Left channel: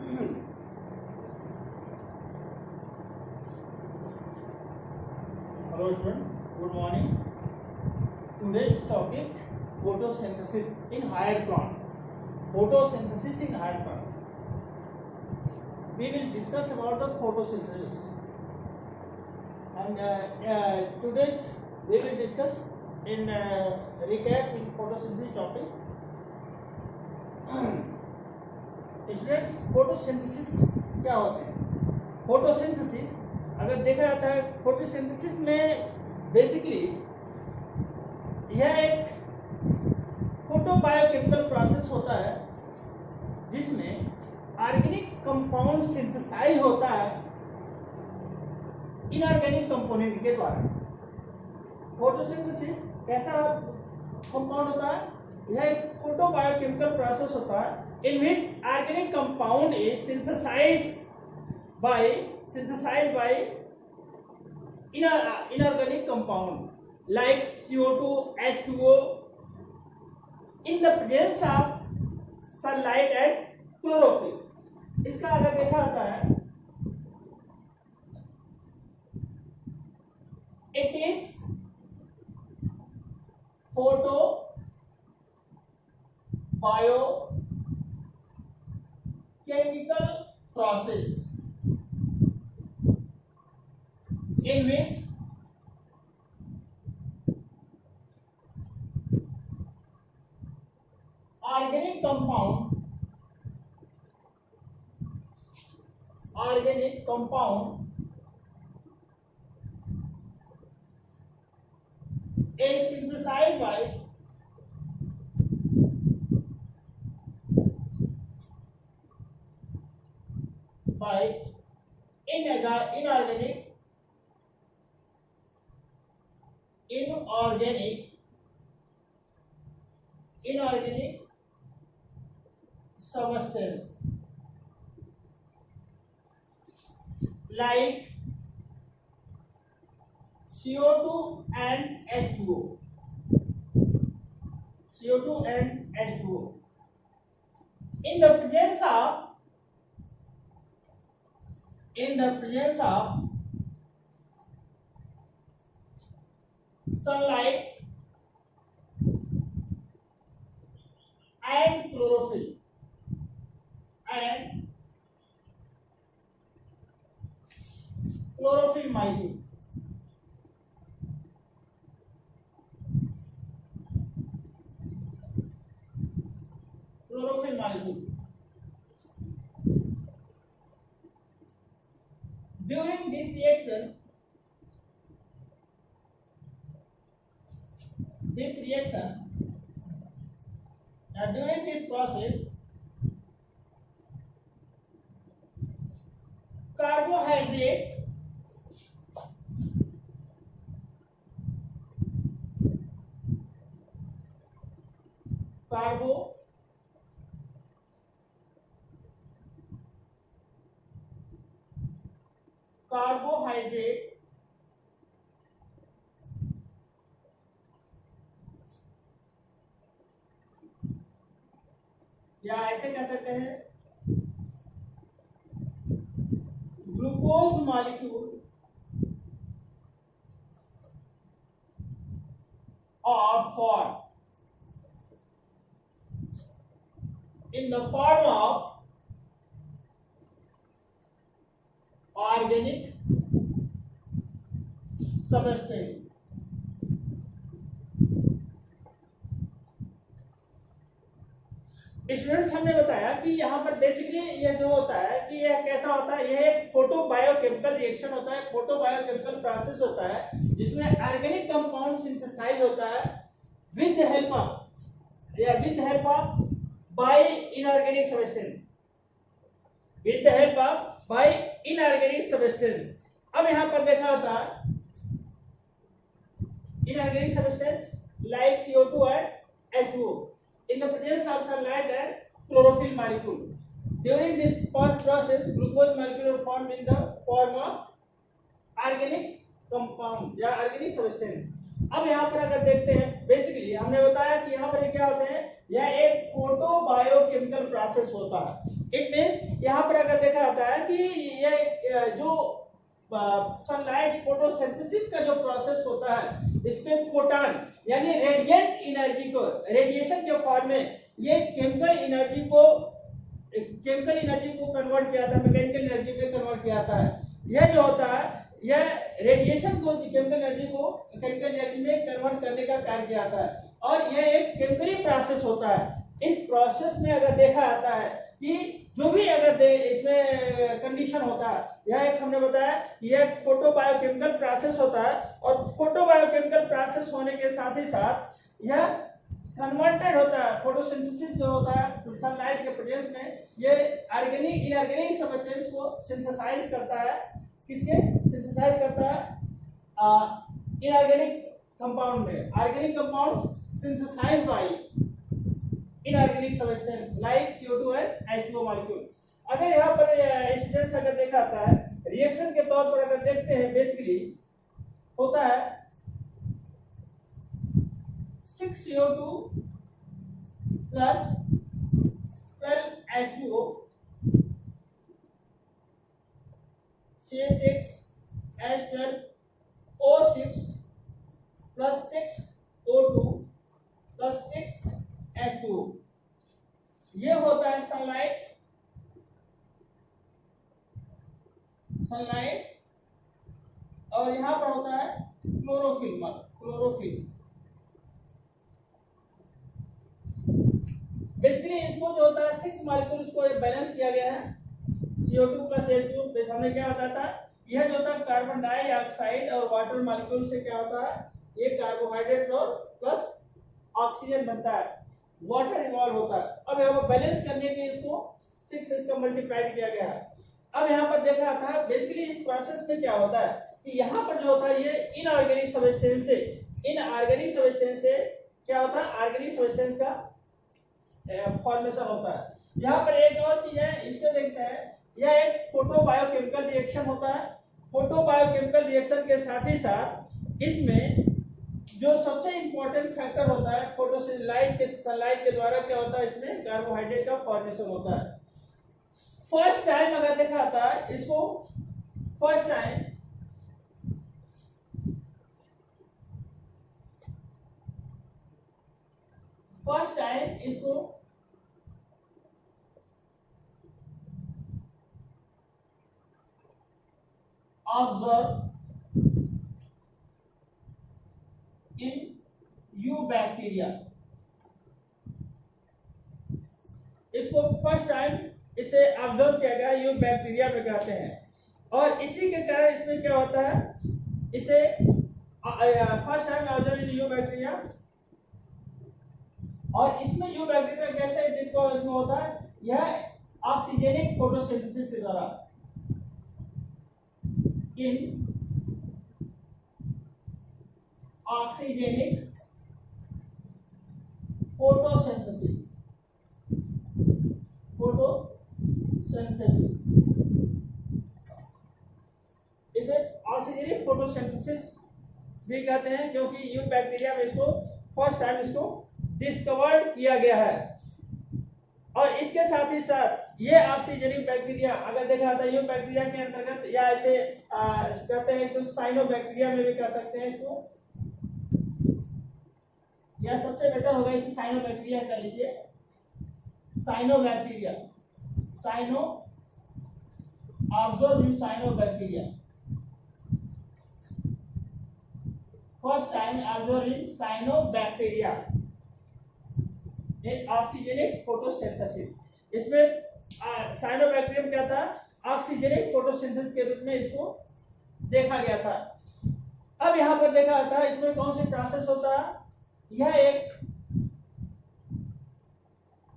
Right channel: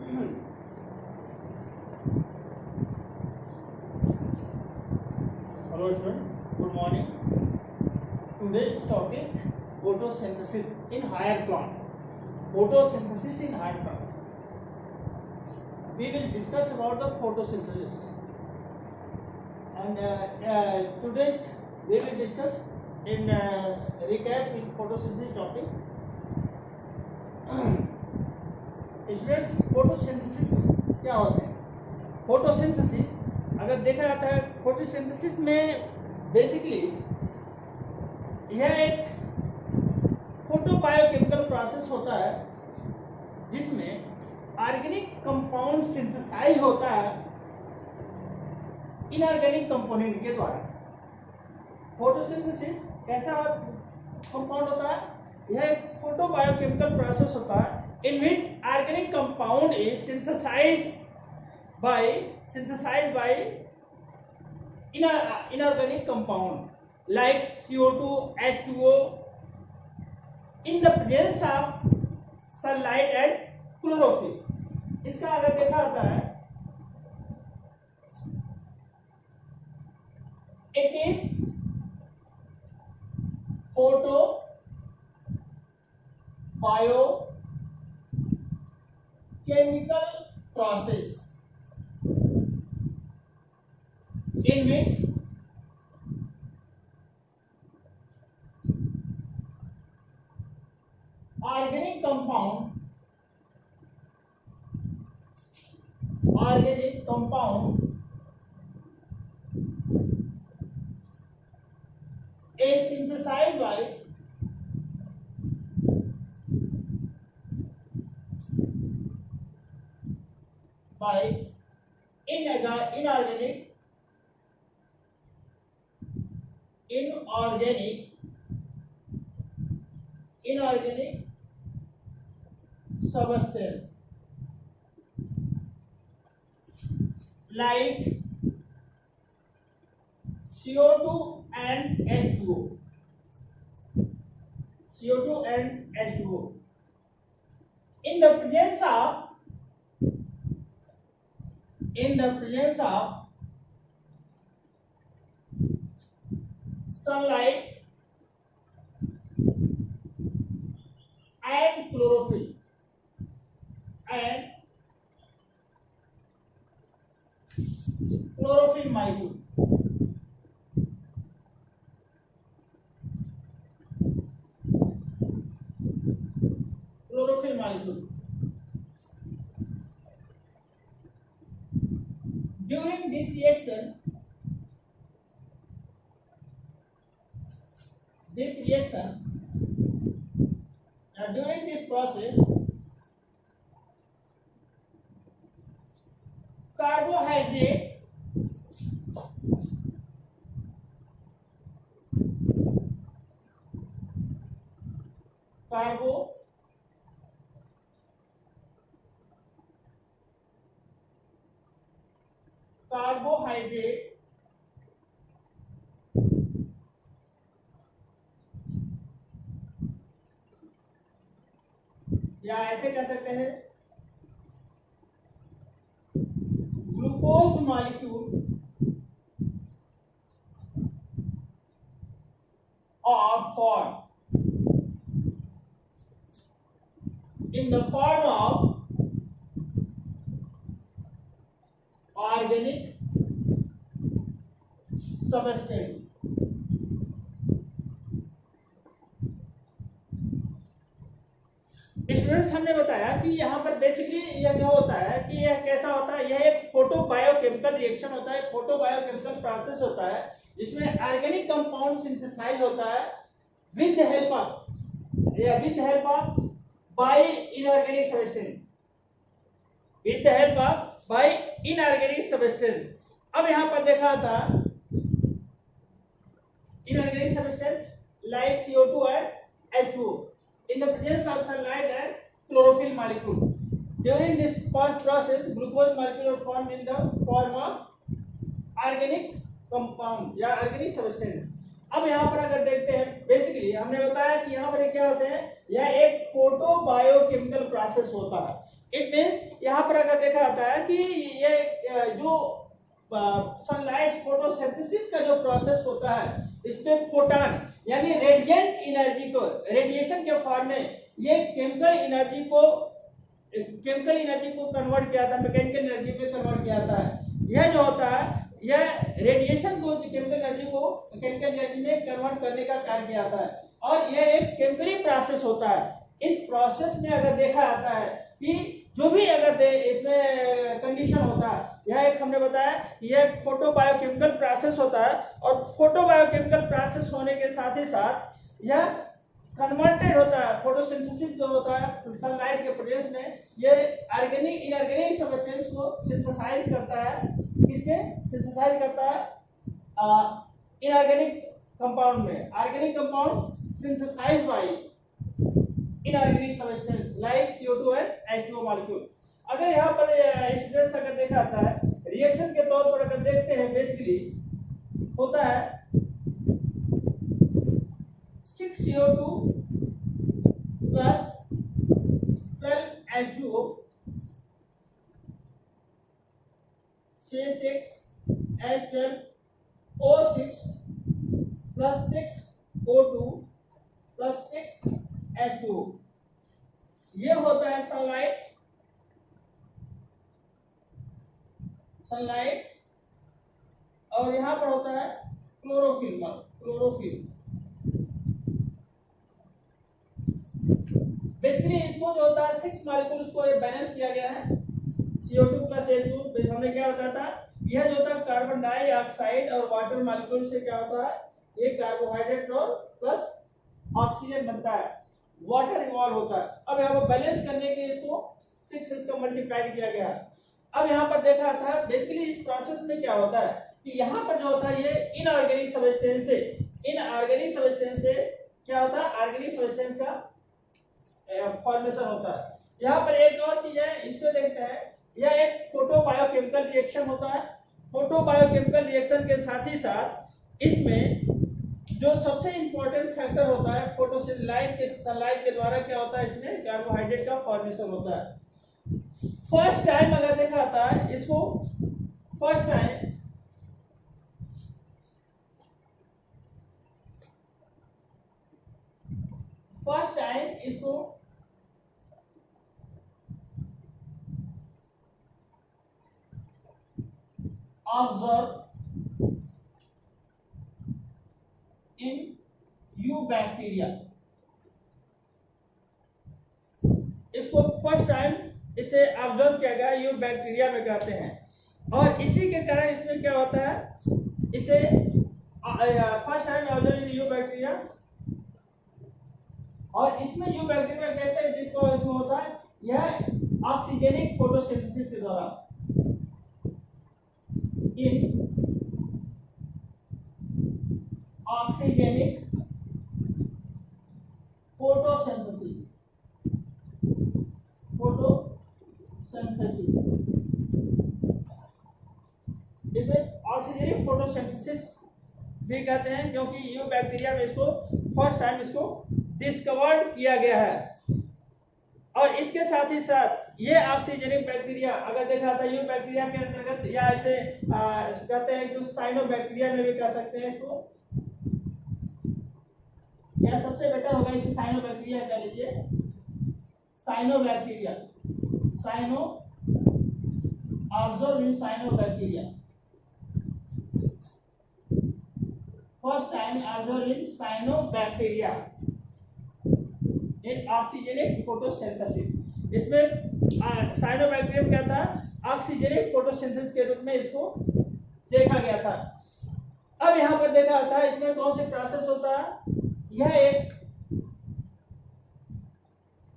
Hello student, good morning. Today's topic photosynthesis in higher plant. Photosynthesis in higher plant. We will discuss about the photosynthesis, and today's we will discuss in recap in photosynthesis topic. Students, photosynthesis क्या होता है? Photosynthesis अगर देखा जाता है, photosynthesis में basically यह एक फोटोबायोकेमिकल प्रोसेस होता है जिसमें ऑर्गेनिक कंपाउंड सिंथेसाइज होता है इनऑर्गेनिक कंपोनेंट के द्वारा। फोटोसिंथेसिस कैसा कंपाउंड होता है? यह एक फोटोबायोकेमिकल प्रोसेस होता है in which organic compound is synthesized by inorganic compound like CO2, H2O in the presence of sunlight and chlorophyll. इसका अगर देखा जाता है, it is photobayochemical process in which organic compound is synthesized by inorganic substance like CO2 and H2O. In the presence of sunlight and chlorophyll molecule. During this process, carbohydrate या ऐसे कह सकते हैं glucose molecule formed in the form of organic substance. Students, हमने बताया कि यहाँ पर बेसिकली यह जो होता है कि यह कैसा होता है, यह एक फोटोबायोकेमिकल रिएक्शन होता है, फोटोबायोकेमिकल प्रोसेस होता है जिसमें ऑर्गेनिक कंपाउंड सिंथेसाइज होता है with the help of by inorganic substance. अब यहाँ पर देखा था inorganic substance like CO2 and H2O in the presence of sunlight and chlorophyll molecule. During this process, glucose molecule are formed in the form of organic compound या organic substance. अब यहाँ पर अगर देखते हैं, बेसिकली हमने बताया कि यहाँ पर क्या होते हैं, यह एक फोटोबायोकेमिकल प्रोसेस होता है। इट मींस यहाँ पर देखा जाता है कि ये जो सनलाइट फोटोसिंथेसिस का जो प्रोसेस होता है, इसमें फोटॉन यानी रेडिएंट एनर्जी को रेडिएशन के फॉर्म में ये केमिकल एनर्जी को कन्वर्ट किया था, मैकेनिकल एनर्जी में कन्वर्ट किया था। यह जो होता है, यह रेडिएशन को केमिकल एनर्जी को मैकेनिकल एनर्जी में कन्वर्ट करने का कार्य किया था, और यह एक केमिकली प्रोसेस होता है। इस प्रोसेस में अगर देखा जाता है कि जो भी अगर इसमें कंडीशन होता है, यह एक हमने बताया यह फोटो बायोकेमिकल प्रोसेस होता है, और फोटो बायोकेमिकल प्रोसेस होने के साथ ही साथ यह कन्वर्टेड होता है। फोटोसिंथेसिस जो होता है सनलाइट के प्रोसेस में, ये ऑर्गेनिक इनऑर्गेनिक सब्सटेंस को सिंथेसाइज करता है। किसके सिंथेसाइज करता है? इनऑर्गेनिक कंपाउंड में। Organic compound synthesized by inorganic substance like CO2 and H2O molecule. अगर यहाँ पर स्टूडेंट्स अगर देखा जाता है, रिएक्शन के तौर पर अगर देखते हैं, बेसिकली होता है 6CO2 plus 12H2O, 6H12O6 plus 6O2 plus 6H2O। ये होता है सनलाइट और यहां पर होता है क्लोरोफिल। बेसिकली इसको जो होता है 6 मॉलिक्यूल इसको बैलेंस किया गया है। CO2 प्लस H2 हमने क्या बताया था, यह जो होता है कार्बन डाइऑक्साइड और वाटर मॉलिक्यूल से क्या होता है, ये कार्बोहाइड्रेट और प्लस ऑक्सीजन बनता है, वाटर इवॉल्व होता है। अब यहाँ पर बैलेंस करने के इसको 6 से इसका मल्टीप्लाइड किया गया है। अब यहाँ पर देखा था बेसिकली इस प्रोसेस में क्या होता है कि यहाँ पर जो होता है ये इनऑर्गेनिक सब्सटेंस से क्या होता है, ऑर्गेनिक सब्सटेंस का फॉर्मेशन होता है। यहाँ पर एक और चीज है, इसमें देखते हैं, यह एक फोटो बायोकेमिकल रिएक्शन होता है। फोटो बायोकेमिकल रिएक्शन के साथ ही साथ इसमें जो सबसे इंपॉर्टेंट फैक्टर होता है, फोटोसिंथेसिस के सनलाइट के द्वारा क्या होता है, इसमें कार्बोहाइड्रेट का फॉर्मेशन होता है। फर्स्ट टाइम अगर देखा जाता है इसको, फर्स्ट टाइम इसको ऑब्जर्व इन यू बैक्टीरिया, इसको फर्स्ट टाइम इसे ऑब्जर्व किया गया यू बैक्टीरिया में कहते हैं। और इसी के कारण इसमें क्या होता है, इसे first time observe in you bacteria, और इसमें यू बैक्टीरिया कैसे डिस्कवर इसमें होता है, यह ऑक्सीजेनिक फोटोसिंथेसिस के द्वारा, इन ऑक्सीजेनिक फोटोसिंथेसिस इसे ऑक्सीजेनिक फोटोसिंथेसिस भी कहते हैं, क्योंकि यू बैक्टीरिया में इसको फर्स्ट टाइम इसको डिस्कवर्ड किया गया है। और इसके साथ ही साथ ये ऑक्सीजेनिक बैक्टीरिया अगर देखा जाता है यू बैक्टीरिया के अंतर्गत, या इसे कहते हैं इसको साइनोबैक्टीरिया में भी कह सकते हैं इसको, या सबसे बेटर होगा इसे साइनोबैक्टीरिया कह लीजिए। Cyanobacteria, cyano observe in cyanobacteria, first time observe in cyanobacteria in oxygenic photosynthesis. इसमें साइनोबैक्टीरियम क्या था, ऑक्सीजेनिक फोटोसिंथेसिस के रूप में इसको देखा गया था। अब यहाँ पर देखा जाता है इसमें कौन से प्रोसेस होता है, यह एक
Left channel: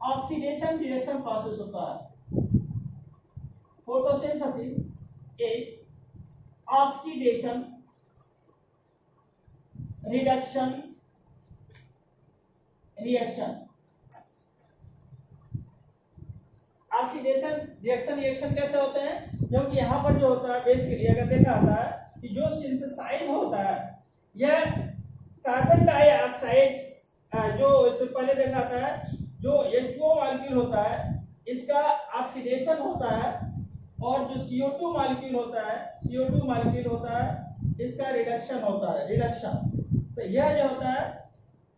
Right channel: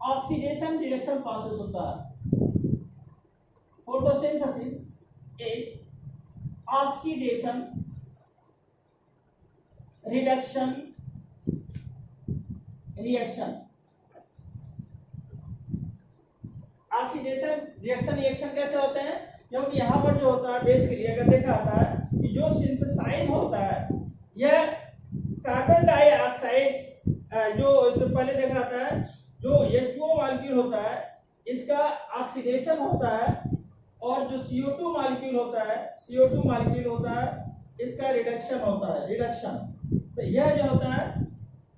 ऑक्सीडेशन रिडक्शन प्रोसेस होता है। फोटोसिंथेसिस एक oxidation reduction reaction. Oxidation reaction कैसे होते हैं, क्योंकि यहाँ पर जो होता है बेसिकली अगर देखा जाता है कि जो सिंथेसाइज होता है यह कार्बन डाइऑक्साइड, जो इसमें पहले देखा जाता है जो H2O मॉलिक्यूल होता है इसका ऑक्सीडेशन होता है और जो CO2 मॉलिक्यूल होता है, CO2 मॉलिक्यूल होता है, इसका रिडक्शन होता है, रिडक्शन। तो यह जो होता है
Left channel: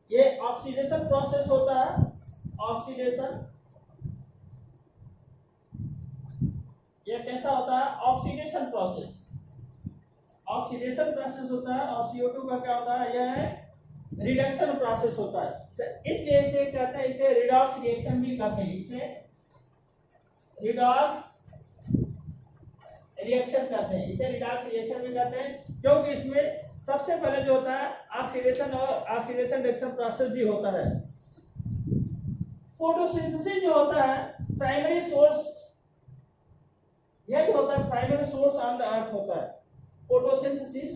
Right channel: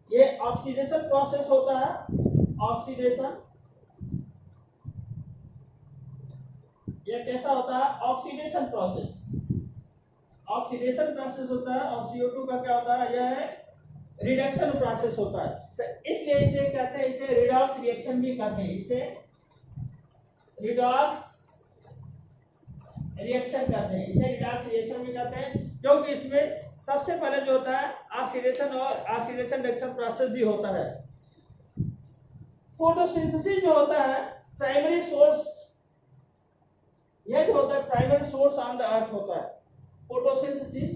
ये ऑक्सीडेशन प्रोसेस होता है, ऑक्सीडेशन। ये कैसा होता है? ऑक्सीडेशन प्रोसेस, ऑक्सीडेशन प्रोसेस होता है। और CO2 का क्या होता है? यह है रिडक्शन प्रोसेस होता है। तो इसलिए इसे कहते हैं, इसे रिडॉक्स रिएक्शन भी कहते हैं, इसे रिडॉक्स रिएक्शन कहते हैं, इसे रिडॉक्स रिएक्शन भी कहते हैं, क्योंकि इसमें सबसे पहले जो होता है ऑक्सीडेशन और ऑक्सीडेशन रिडक्शन प्रोसेस भी होता है। फोटोसिंथेसिस जो होता है प्राइमरी सोर्स, यह जो होता है primary source on the earth होता है। Photosynthesis,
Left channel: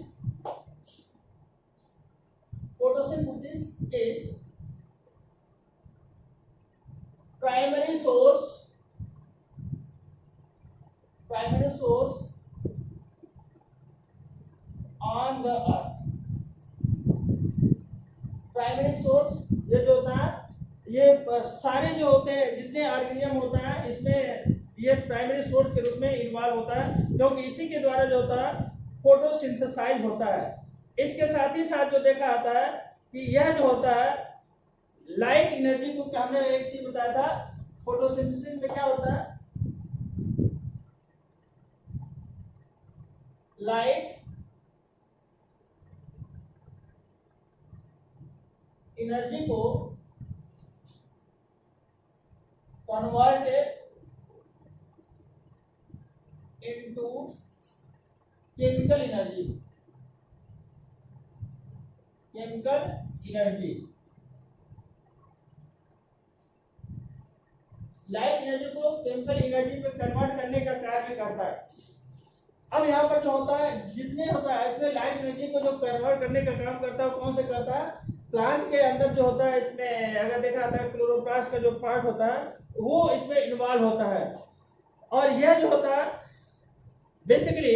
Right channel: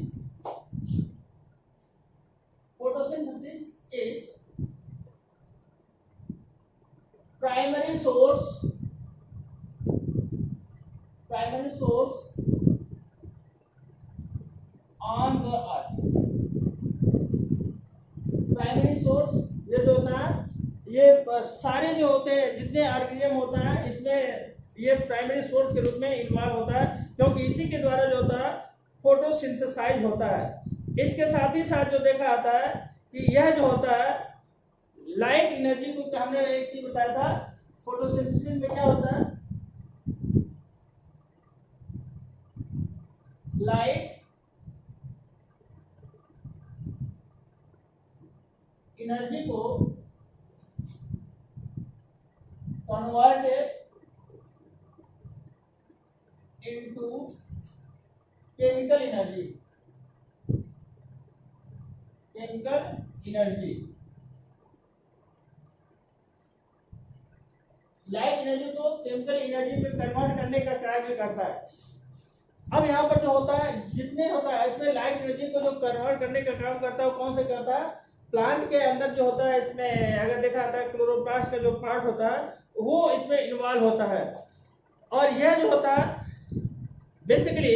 photosynthesis is primary source, primary source on the earth. Primary source ये जो होता है, ये सारे जो होते हैं जितने ऑर्गेनिज्म होता है इसमें ये प्राइमरी सोर्स के रूप में इन्वॉल्व होता है, क्योंकि इसी के द्वारा जो होता है फोटोसिंथेसाइज होता है। इसके साथ ही साथ जो देखा जाता है कि यह जो होता है लाइट एनर्जी को, हमने एक चीज बताया था फोटोसिंथेसिस में क्या होता है, लाइट एनर्जी को converted into chemical energy, chemical energy. Light energy को केमिकल एनर्जी में कन्वर्ट करने का कार्य करता है। अब यहाँ पर जो होता है जितने होता है इसमें लाइट एनर्जी को जो कन्वर्ट करने का काम करता है, कौन से करता है? प्लांट के अंदर जो होता है, इसमें अगर देखा जाता है क्लोरोप्लास्ट का जो पार्ट होता है वो इसमें इन्वॉल्व होता है। और यह जो होता है basically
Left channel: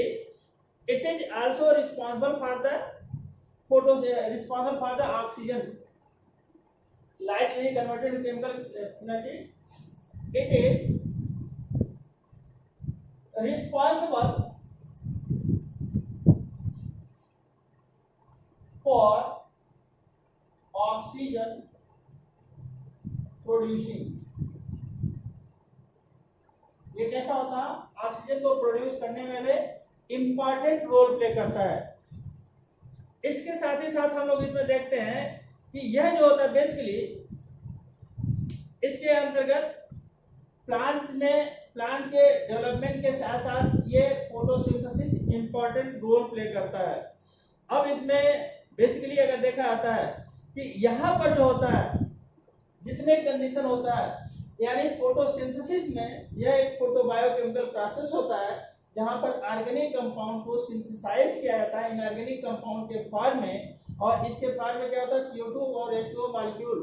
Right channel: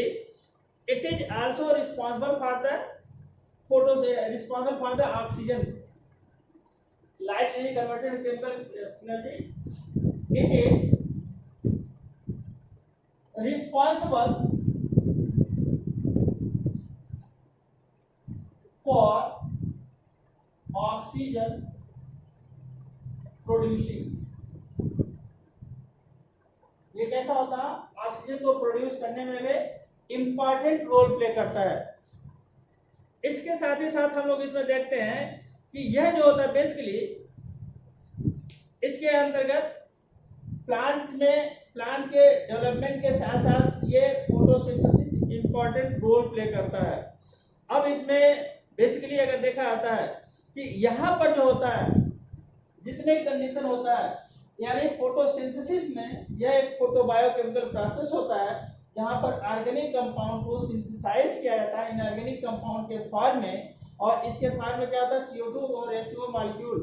it is also responsible for the photo responsible for the oxygen, light energy converted to chemical energy. It is responsible for oxygen producing। ये कैसा होता है? ऑक्सीजन को प्रोड्यूस करने में इंपॉर्टेंट रोल प्ले करता है। इसके साथ ही साथ हम लोग इसमें देखते हैं कि यह जो होता है बेसिकली इसके अंतर्गत प्लांट के डेवलपमेंट के साथ साथ ये फोटोसिंथेसिस इंपॉर्टेंट रोल प्ले करता है। अब इसमें बेसिकली अगर देखा जाता है कि यहाँ पर जो होता है जितने कंडीशन होता है, यानी फोटोसिंथेसिस में यह एक फोटोबायोकेमिकल प्रोसेस होता है जहाँ पर ऑर्गेनिक कंपाउंड को सिंथेसाइज किया जाता है इनऑर्गेनिक कंपाउंड के फॉर्म में। और इसके फॉर्म में क्या होता है? CO2 और H2O मॉलिक्यूल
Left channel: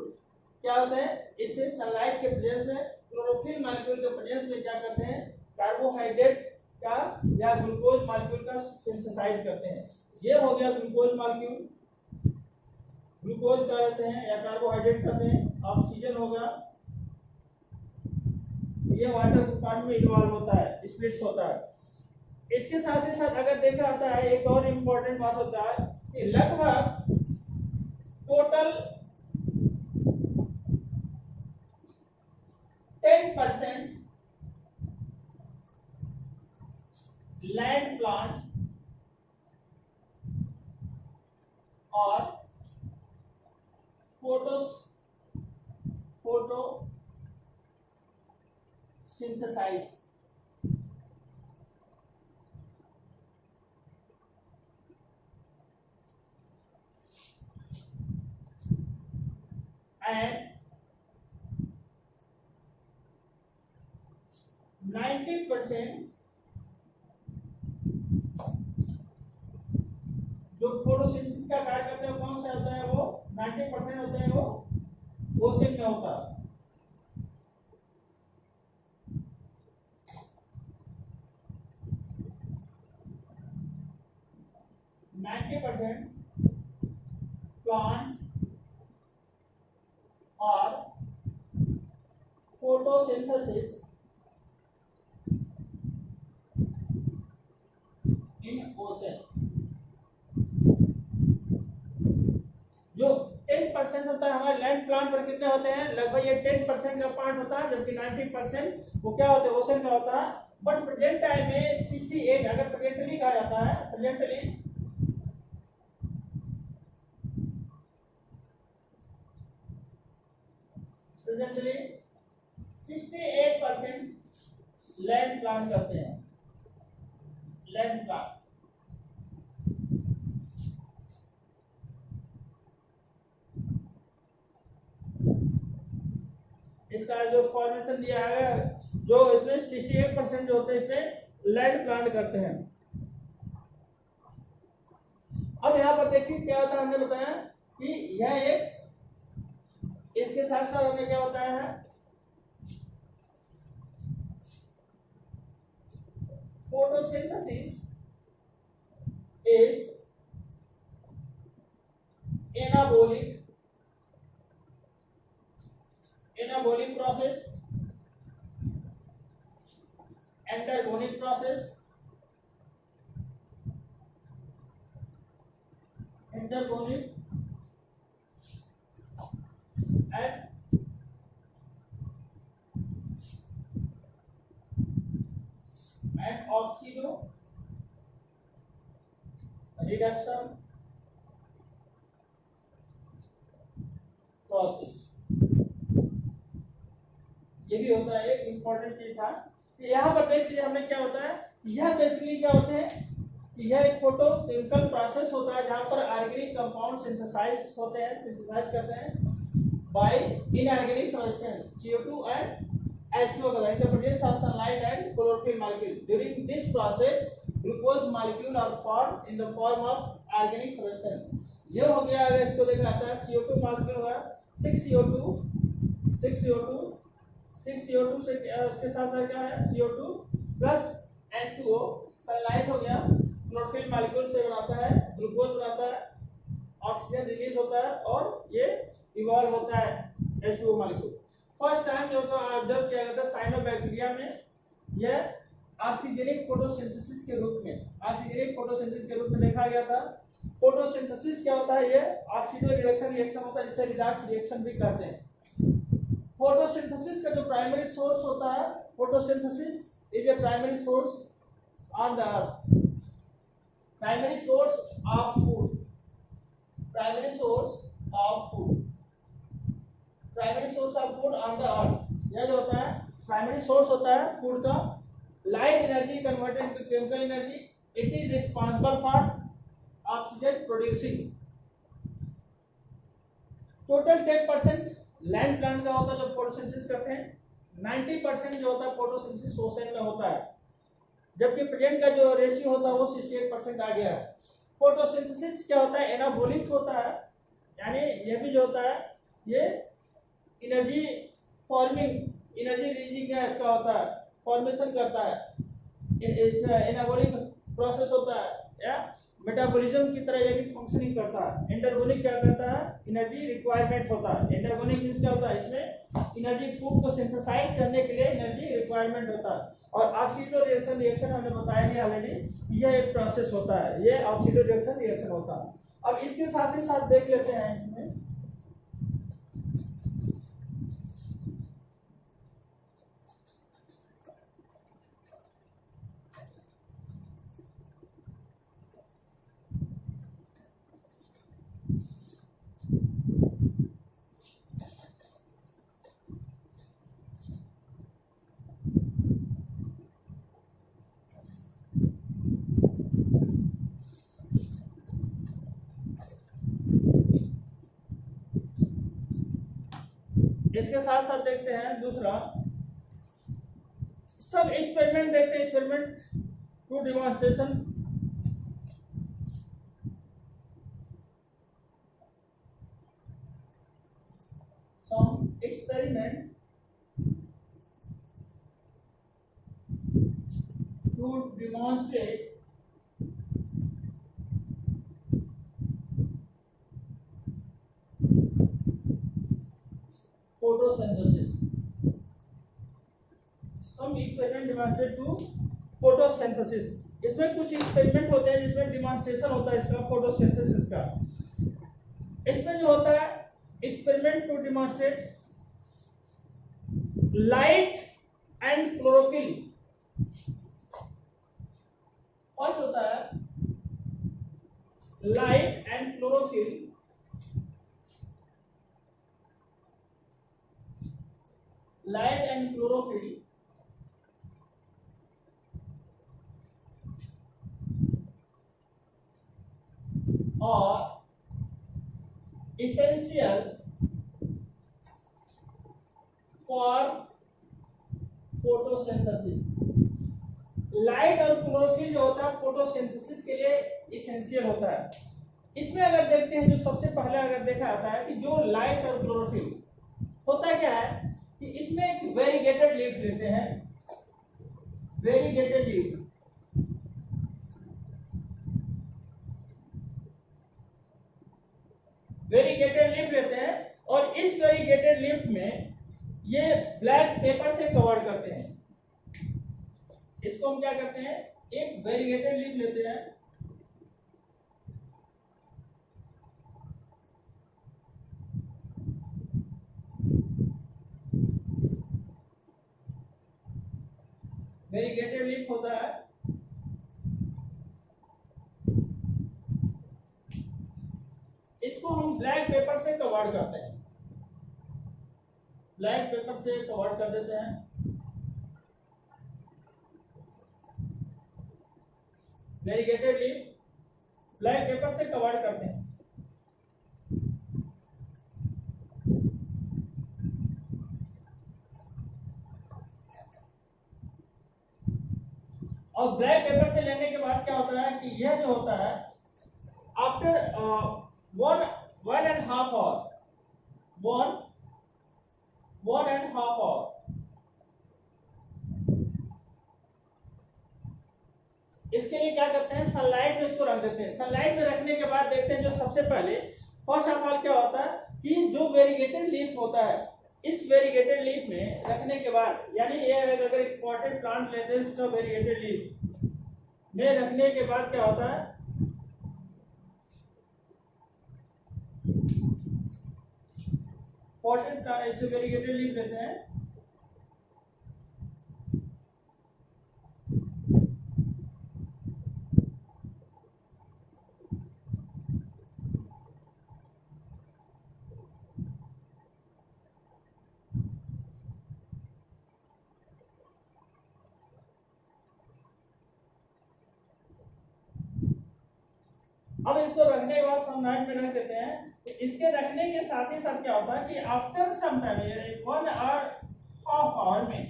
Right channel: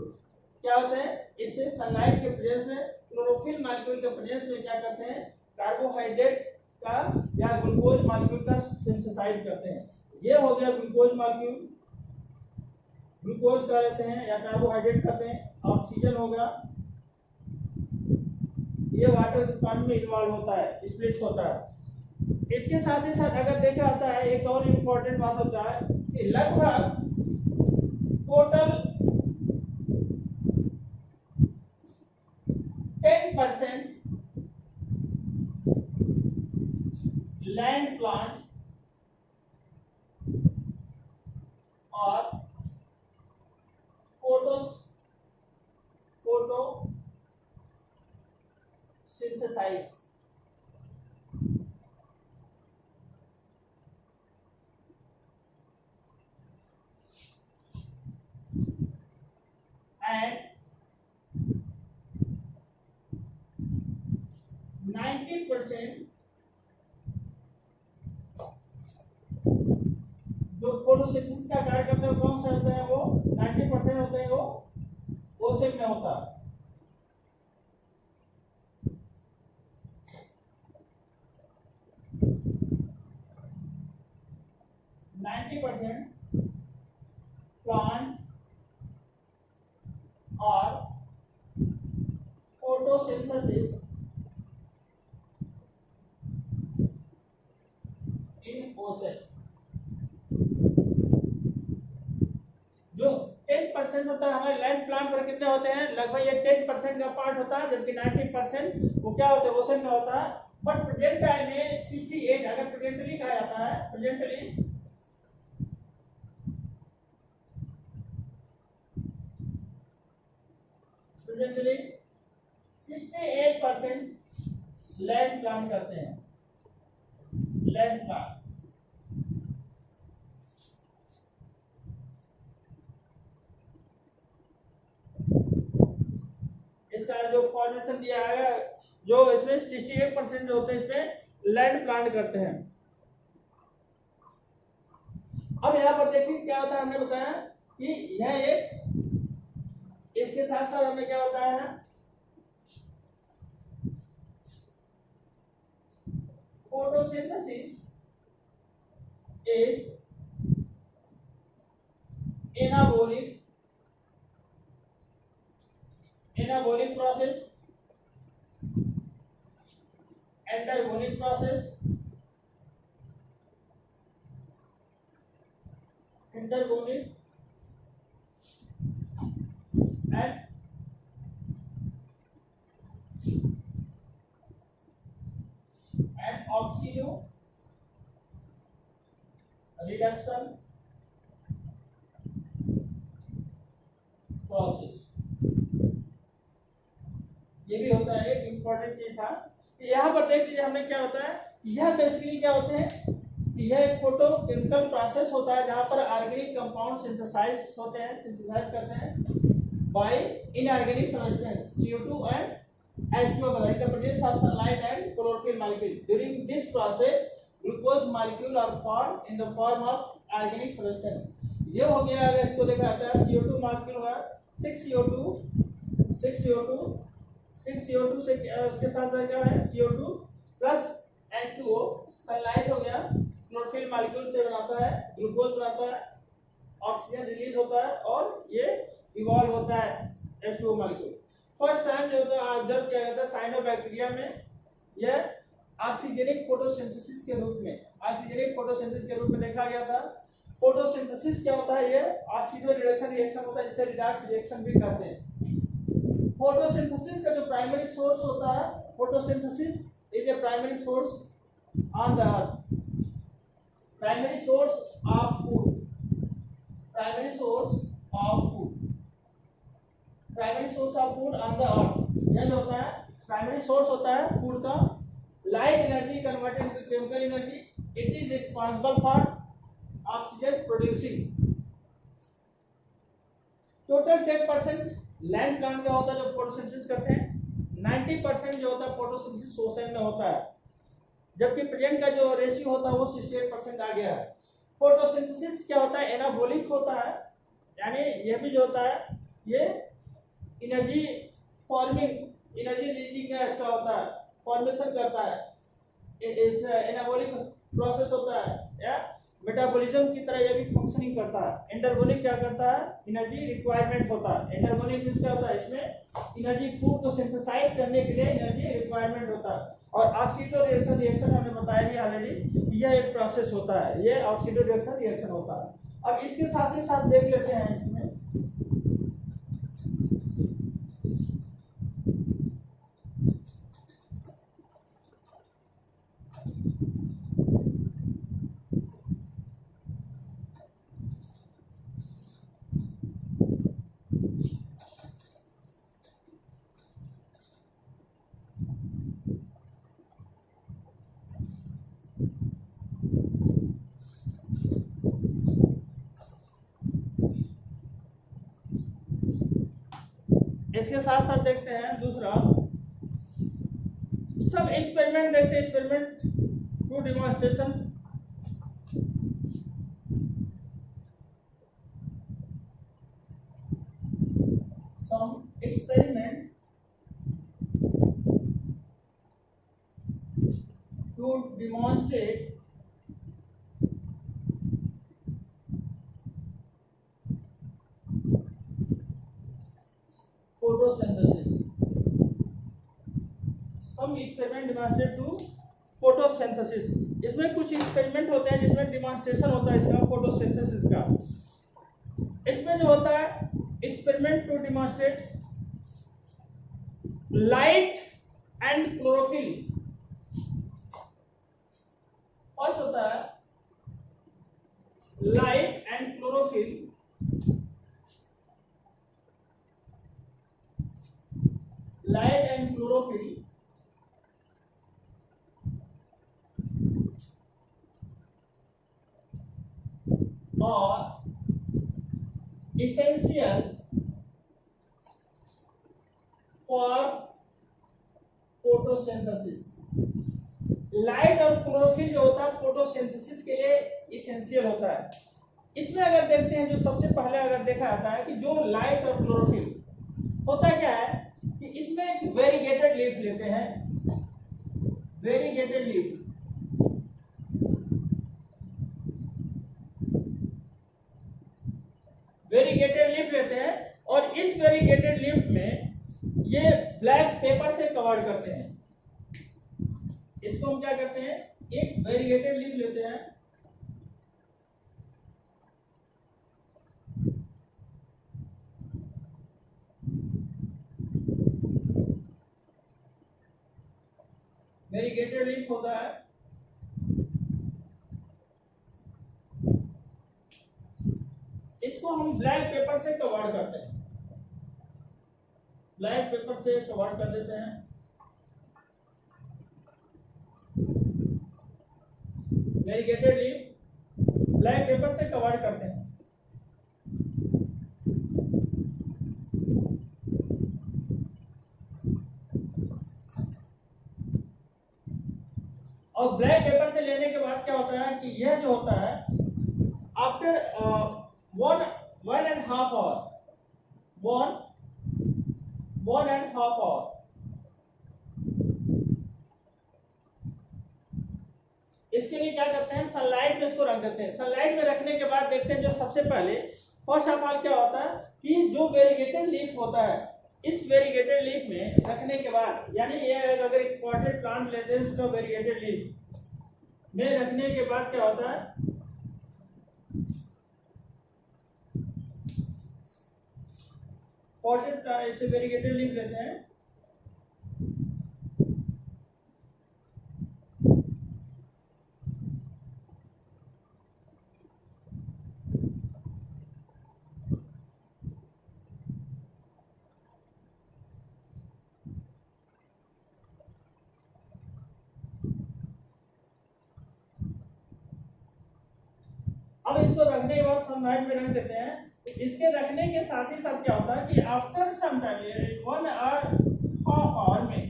क्या होते हैं? इससे सनलाइट के प्रेजेंस में, क्लोरोफिल मॉलिक्यूल के प्रेजेंस में क्या करते हैं? कार्बोहाइड्रेट का या ग्लूकोज मॉलिक्यूल का सिंथेसाइज करते हैं। ये हो गया ग्लूकोज मॉलिक्यूल, ग्लूकोज का लेते हैं या कार्बोहाइड्रेट करते हैं। ऑक्सीजन होगा, ये वाटर के फॉर्म में इन्वॉल्व होता है, स्प्लिट होता है। इसके साथ ही साथ अगर देखा जाता है एक और इम्पोर्टेंट बात होता है कि लगभग टोटल 10% लैंड प्लांट और फोटोसिंथेसाइज and 90% जो फोटोसिंथेसिस का कार्य करते हैं कौन सा होता है? वो 90% होते हैं वो ओशन में होता है। 90% प्लांट और फोटोसिंथेसिस ओशन। जो 10% होता है हमारे लैंड प्लान पर कितने होते हैं, लगभग ये 10% का पार्ट होता है, जबकि 90% वो क्या होता है, ओशन का होता है। बट प्रेजेंट टाइम में 68, अगर प्रेजेंटली कहा जाता है, प्रेजेंटली 68% लैंड प्लान करते हैं, लैंड प्लान। इसका जो फॉर्मेशन दिया है, जो इसमें 68% जो होते हैं इसमें लैंड प्लान करते हैं। अब यहाँ पर देखिए क्या होता है, हमने बताया कि यह एक, इसके साथ साथ हमने क्या बताया है, photosynthesis is anabolic process, endergonic process, endergonic and oxidoreduction process. ये भी होता है, एक इंपॉर्टेंट चीज था। यहाँ पर देख लीजिए हमें क्या होता है, यह बेसिकली क्या होते हैं, यह एक फोटोकेमिकल प्रोसेस होता है जहाँ पर ऑर्गेनिक कंपाउंड सिंथेसाइज होते हैं, सिंथेसाइज करते हैं by inorganic substance CO2 and H2O in the presence of sunlight and chlorophyll molecule. During this process, glucose molecule are formed in the form of organic substance. ये हो गया, अगर इसको देखा जाता है CO2 मॉलिक्यूल हुआ 6CO2 से उसके साथ साथ क्या है CO2 प्लस H2O, सनलाइट हो गया, क्लोरोफिल मॉलिक्यूल से बनाता है, ग्लूकोज बनाता है, ऑक्सीजन रिलीज होता है और ये इवॉल्व होता है H2O मॉलिक्यूल। फर्स्ट टाइम जो तो ऑब्जर्व किया गया था साइनोबैक्टीरिया में, यह ऑक्सीजनिक फोटोसिंथेसिस के रूप में देखा गया था। फोटोसिंथेसिस क्या होता है, ये ऑक्सीडो रिडक्शन रिएक्शन होता है, जिसे रिडॉक्स रिएक्शन भी कहते हैं। फोटोसिंथेसिस का जो प्राइमरी सोर्स होता है, photosynthesis is a primary source on the earth, primary source of food, primary source of food on the earth. यह जो होता है प्राइमरी सोर्स होता है फूड का। Light energy converted into chemical energy, it is responsible for oxygen producing. Total 10% land plant का होता है जो फोटोसिंथेसिस करते हैं, 90% जो होता है फोटोसिंथेसिस ओशन में होता है, जबकि प्रेजेंट का जो रेशियो होता है वो 68% आ गया है। फोटोसिंथेसिस क्या होता है, एनाबोलिक होता है, यानी ये भी जो होता है ये energy forming, energy releasing gas का होता है, फॉर्मेशन करता है, एनाबोलिक प्रोसेस होता है, या मेटाबॉलिज्म की तरह ये भी फंक्शनिंग करता है। एंडरगोनिक क्या करता है, एनर्जी रिक्वायरमेंट होता है। एंडरगोनिक मींस क्या होता है, इसमें एनर्जी फूड को सिंथेसाइज करने के लिए एनर्जी रिक्वायरमेंट होता है। और ऑक्सीडो रिएक्शन हमने बताया भी ऑलरेडी, यह एक प्रोसेस होता है, ये ऑक्सीडो रिएक्शन होता है। अब इसके साथ ही साथ देख लेते हैं इसमें इसके साथ साथ देखते हैं दूसरा, सब एक्सपेरिमेंट देखते हैं, experiment to demonstration. Some experiment to demonstrate photosynthesis. Some experiment demonstrate to photosynthesis photosynthesis. इसमें कुछ एक्सपेरिमेंट होते हैं जिसमें डिमॉन्स्ट्रेशन होता है इसका फोटोसिंथेसिस का। इसमें जो होता है experiment to demonstrate light and chlorophyll. First होता है light and chlorophyll, light and chlorophyll और essential for photosynthesis। लाइट और क्लोरोफिल जो होता है फोटोसिंथेसिस के लिए इसेंशियल होता है। इसमें अगर देखते हैं जो सबसे पहले अगर देखा जाता है कि जो लाइट और क्लोरोफिल होता क्या है कि इसमें एक वेरीगेटेड लीफ लेते हैं, वेरीगेटेड लीफ, वेरीगेटेड लीफ लेते हैं और इस वेरीगेटेड लीफ में ये ब्लैक पेपर से कवर करते हैं। इसको हम क्या करते हैं, एक वेरीगेटेड लीफ लेते हैं, वेरीगेटेड लीफ होता है, इसको हम ब्लैक पेपर से कवर करते हैं, ब्लैक पेपर से कवर कर देते हैं। वेरीगेटेड लीफ ब्लैक पेपर से कवर करते हैं। और ब्लैक पेपर से लेने के बाद क्या होता है कि यह जो होता है आफ्टर 1.5 आवर, 1.5 आवर इसके लिए क्या करते हैं, सनलाइट में इसको रख देते हैं। सनलाइट में रखने के बाद देखते हैं जो सबसे पहले फर्स्ट ऑफ ऑल क्या होता है कि जो वेरीगेटेड लीफ होता है, इस वेरीगेटेड लीफ में रखने के बाद, यानी ये अगर एक पॉटेड प्लांट लेते हैं उसका वेरीगेटेड लीफ में रखने के बाद क्या होता है, पॉटेड ऐसे वेरीगेटेड लीफ लेते हैं, अब इसको रखने के बाद सनलाइट में रख देते हैं। इसके रखने के साथ ही साथ क्या होता है कि आफ्टर सम टाइम 1.5 आवर में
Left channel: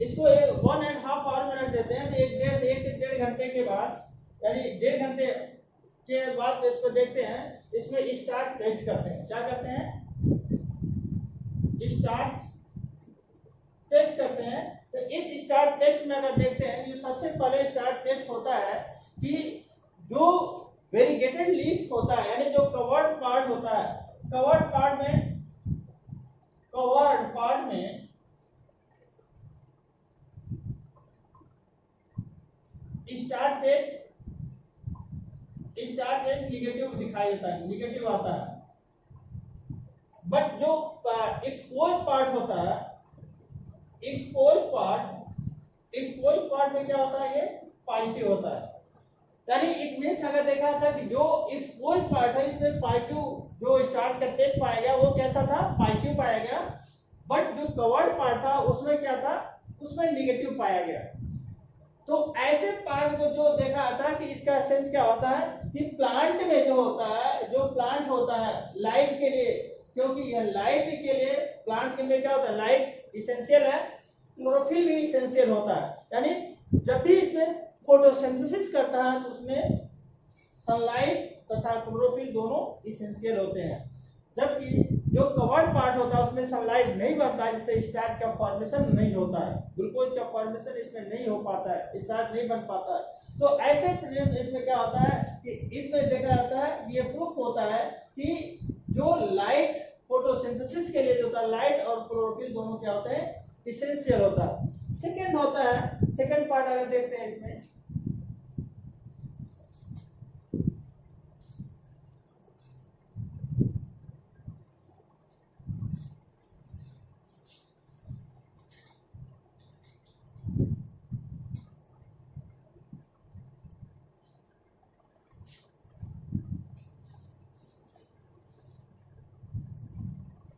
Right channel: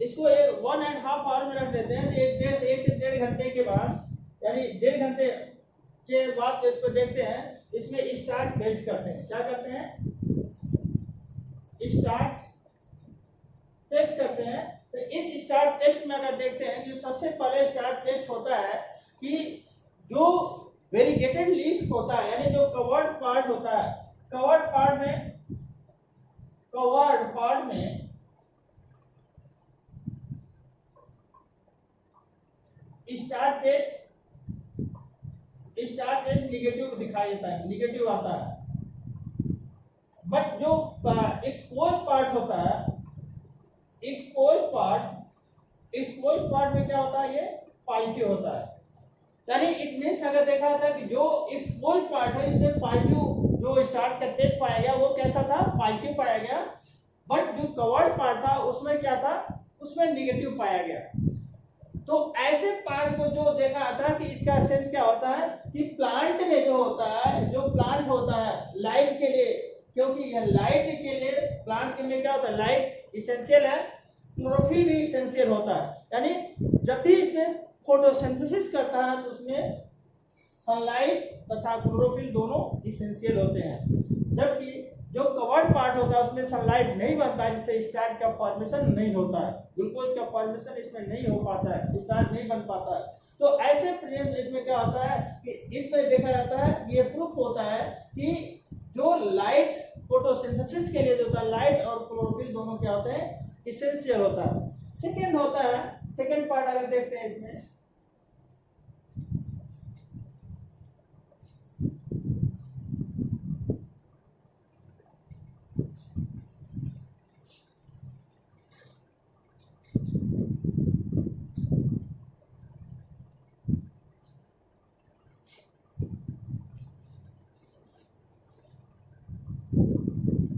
इसको 1.5 आवर में रख देते हैं। तो एक से 1.5 घंटे के बाद, यानी 1.5 घंटे के बाद इसको देखते हैं, इसमें स्टार्च टेस्ट करते हैं। क्या करते हैं, स्टार्च टेस्ट करते हैं। तो इस स्टार्च टेस्ट में अगर देखते हैं, जो सबसे पहले स्टार्च टेस्ट होता है कि जो वेरीगेटेड लीफ होता है, यानी जो कवर्ड पार्ट होता है, कवर्ड पार्ट में स्टार्च टेस्ट निगेटिव दिखाई देता है, निगेटिव आता है। बट जो एक्सपोज पार्ट होता है, एक्सपोज पार्ट में क्या होता है, ये पॉजिटिव होता है। यानी इट मींस अगर देखा था कि जो एक्सपोज पार्ट है इसमें पॉजिटिव, जो स्टार्च का टेस्ट पाया गया वो कैसा था, पॉजिटिव पाया गया। बट जो कवर्ड पार्ट था उसमें क्या था, उसमें निगेटिव पाया गया। तो ऐसे पार्ट को जो देखा था कि इसका सेंस क्या होता है कि प्लांट में जो होता है, जो प्लांट होता है लाइट के लिए, क्योंकि यह लाइट के लिए प्लांट के लिए क्या होता है, लाइट इसेंशियल है, क्लोरोफिल भी इसेंशियल होता है। यानी जब भी इसमें फोटोसिंथेसिस करता है तो उसमें सनलाइट तथा क्लोरोफिल दोनों इसेंशियल होते हैं। जबकि जो कवर्ड पार्ट होता है उसमें सनलाइट नहीं बनता है, जिससे स्टार्च का फॉर्मेशन नहीं होता है, ग्लूकोज का फॉर्मेशन इसमें नहीं हो पाता है, स्टार्च नहीं बन पाता है। तो ऐसे प्रोसेस इसमें क्या होता है कि इसमें देखा जाता है, ये प्रूफ होता है कि जो लाइट फोटोसिंथेसिस के लिए जो होता है लाइट और क्लोरोफिल दोनों क्या होते हैं, इसेंशियल होता है। सेकंड होता है, सेकंड पार्ट अगर देखते हैं इसमें,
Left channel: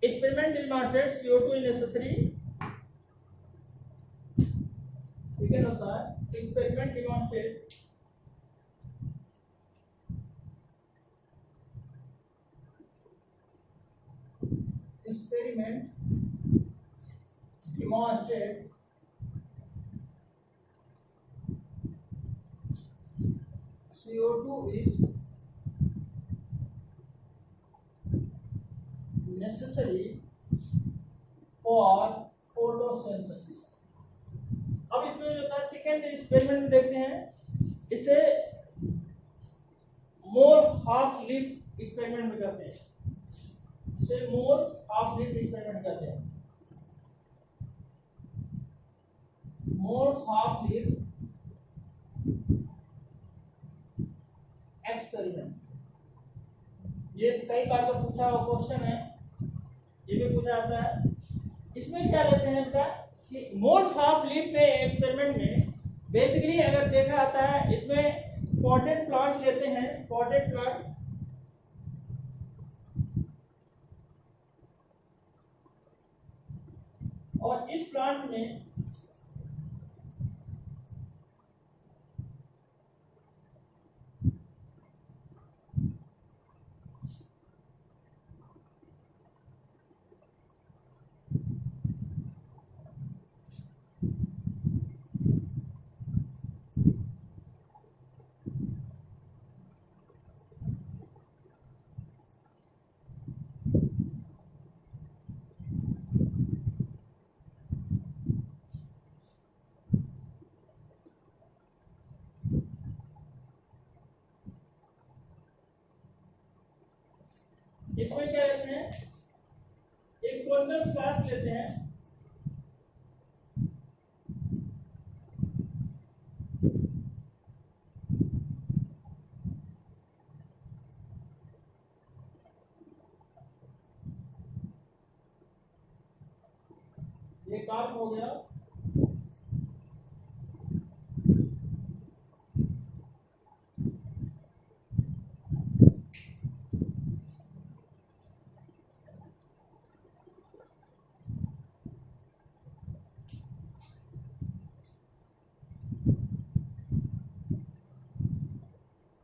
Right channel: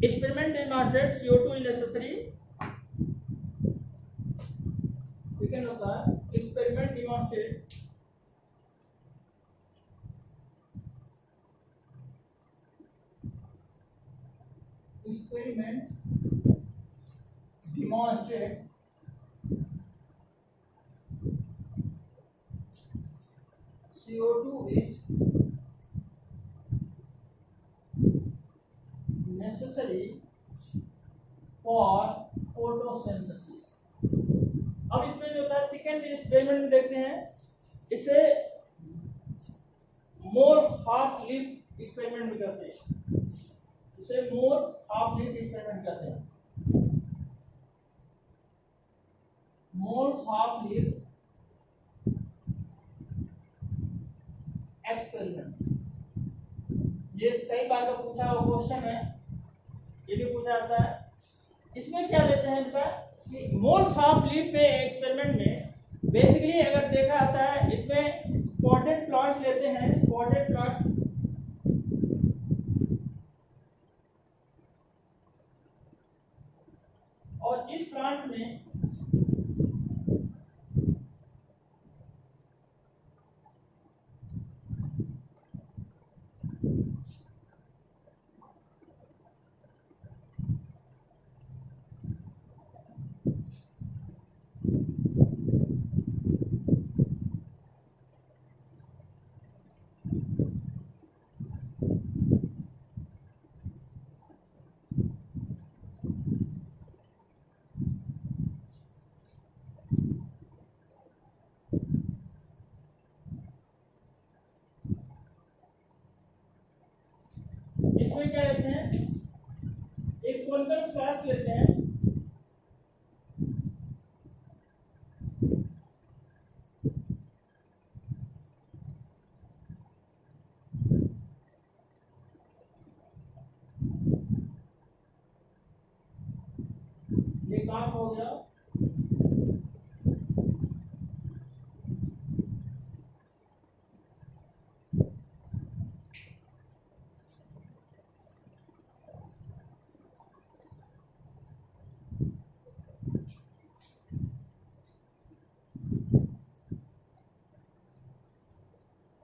experiment demonstrates CO2 is necessary, second होता है experiment demonstrate CO2 is necessary for photosynthesis। अब इसमें जो होता है सेकेंड एक्सपेरिमेंट में देखते हैं, इसे मोर हाफ लीफ एक्सपेरिमेंट में करते हैं, इसे मोर हाफ लीफ एक्सपेरिमेंट करते हैं, मोर हाफ लीफ एक्सपेरिमेंट। ये कई बार का पूछा हुआ क्वेश्चन है, ये भी पूछा जाता है। इसमें क्या लेते हैं इनका कि मोल्स हाफ लीफ में एक्सपेरिमेंट में बेसिकली अगर देखा जाता है, इसमें पॉटेड प्लांट लेते हैं, पॉटेड प्लांट और इस प्लांट में इसमें क्या लेते हैं, एक कोनिकल फ्लास्क लेते हैं, ये काम हो गया।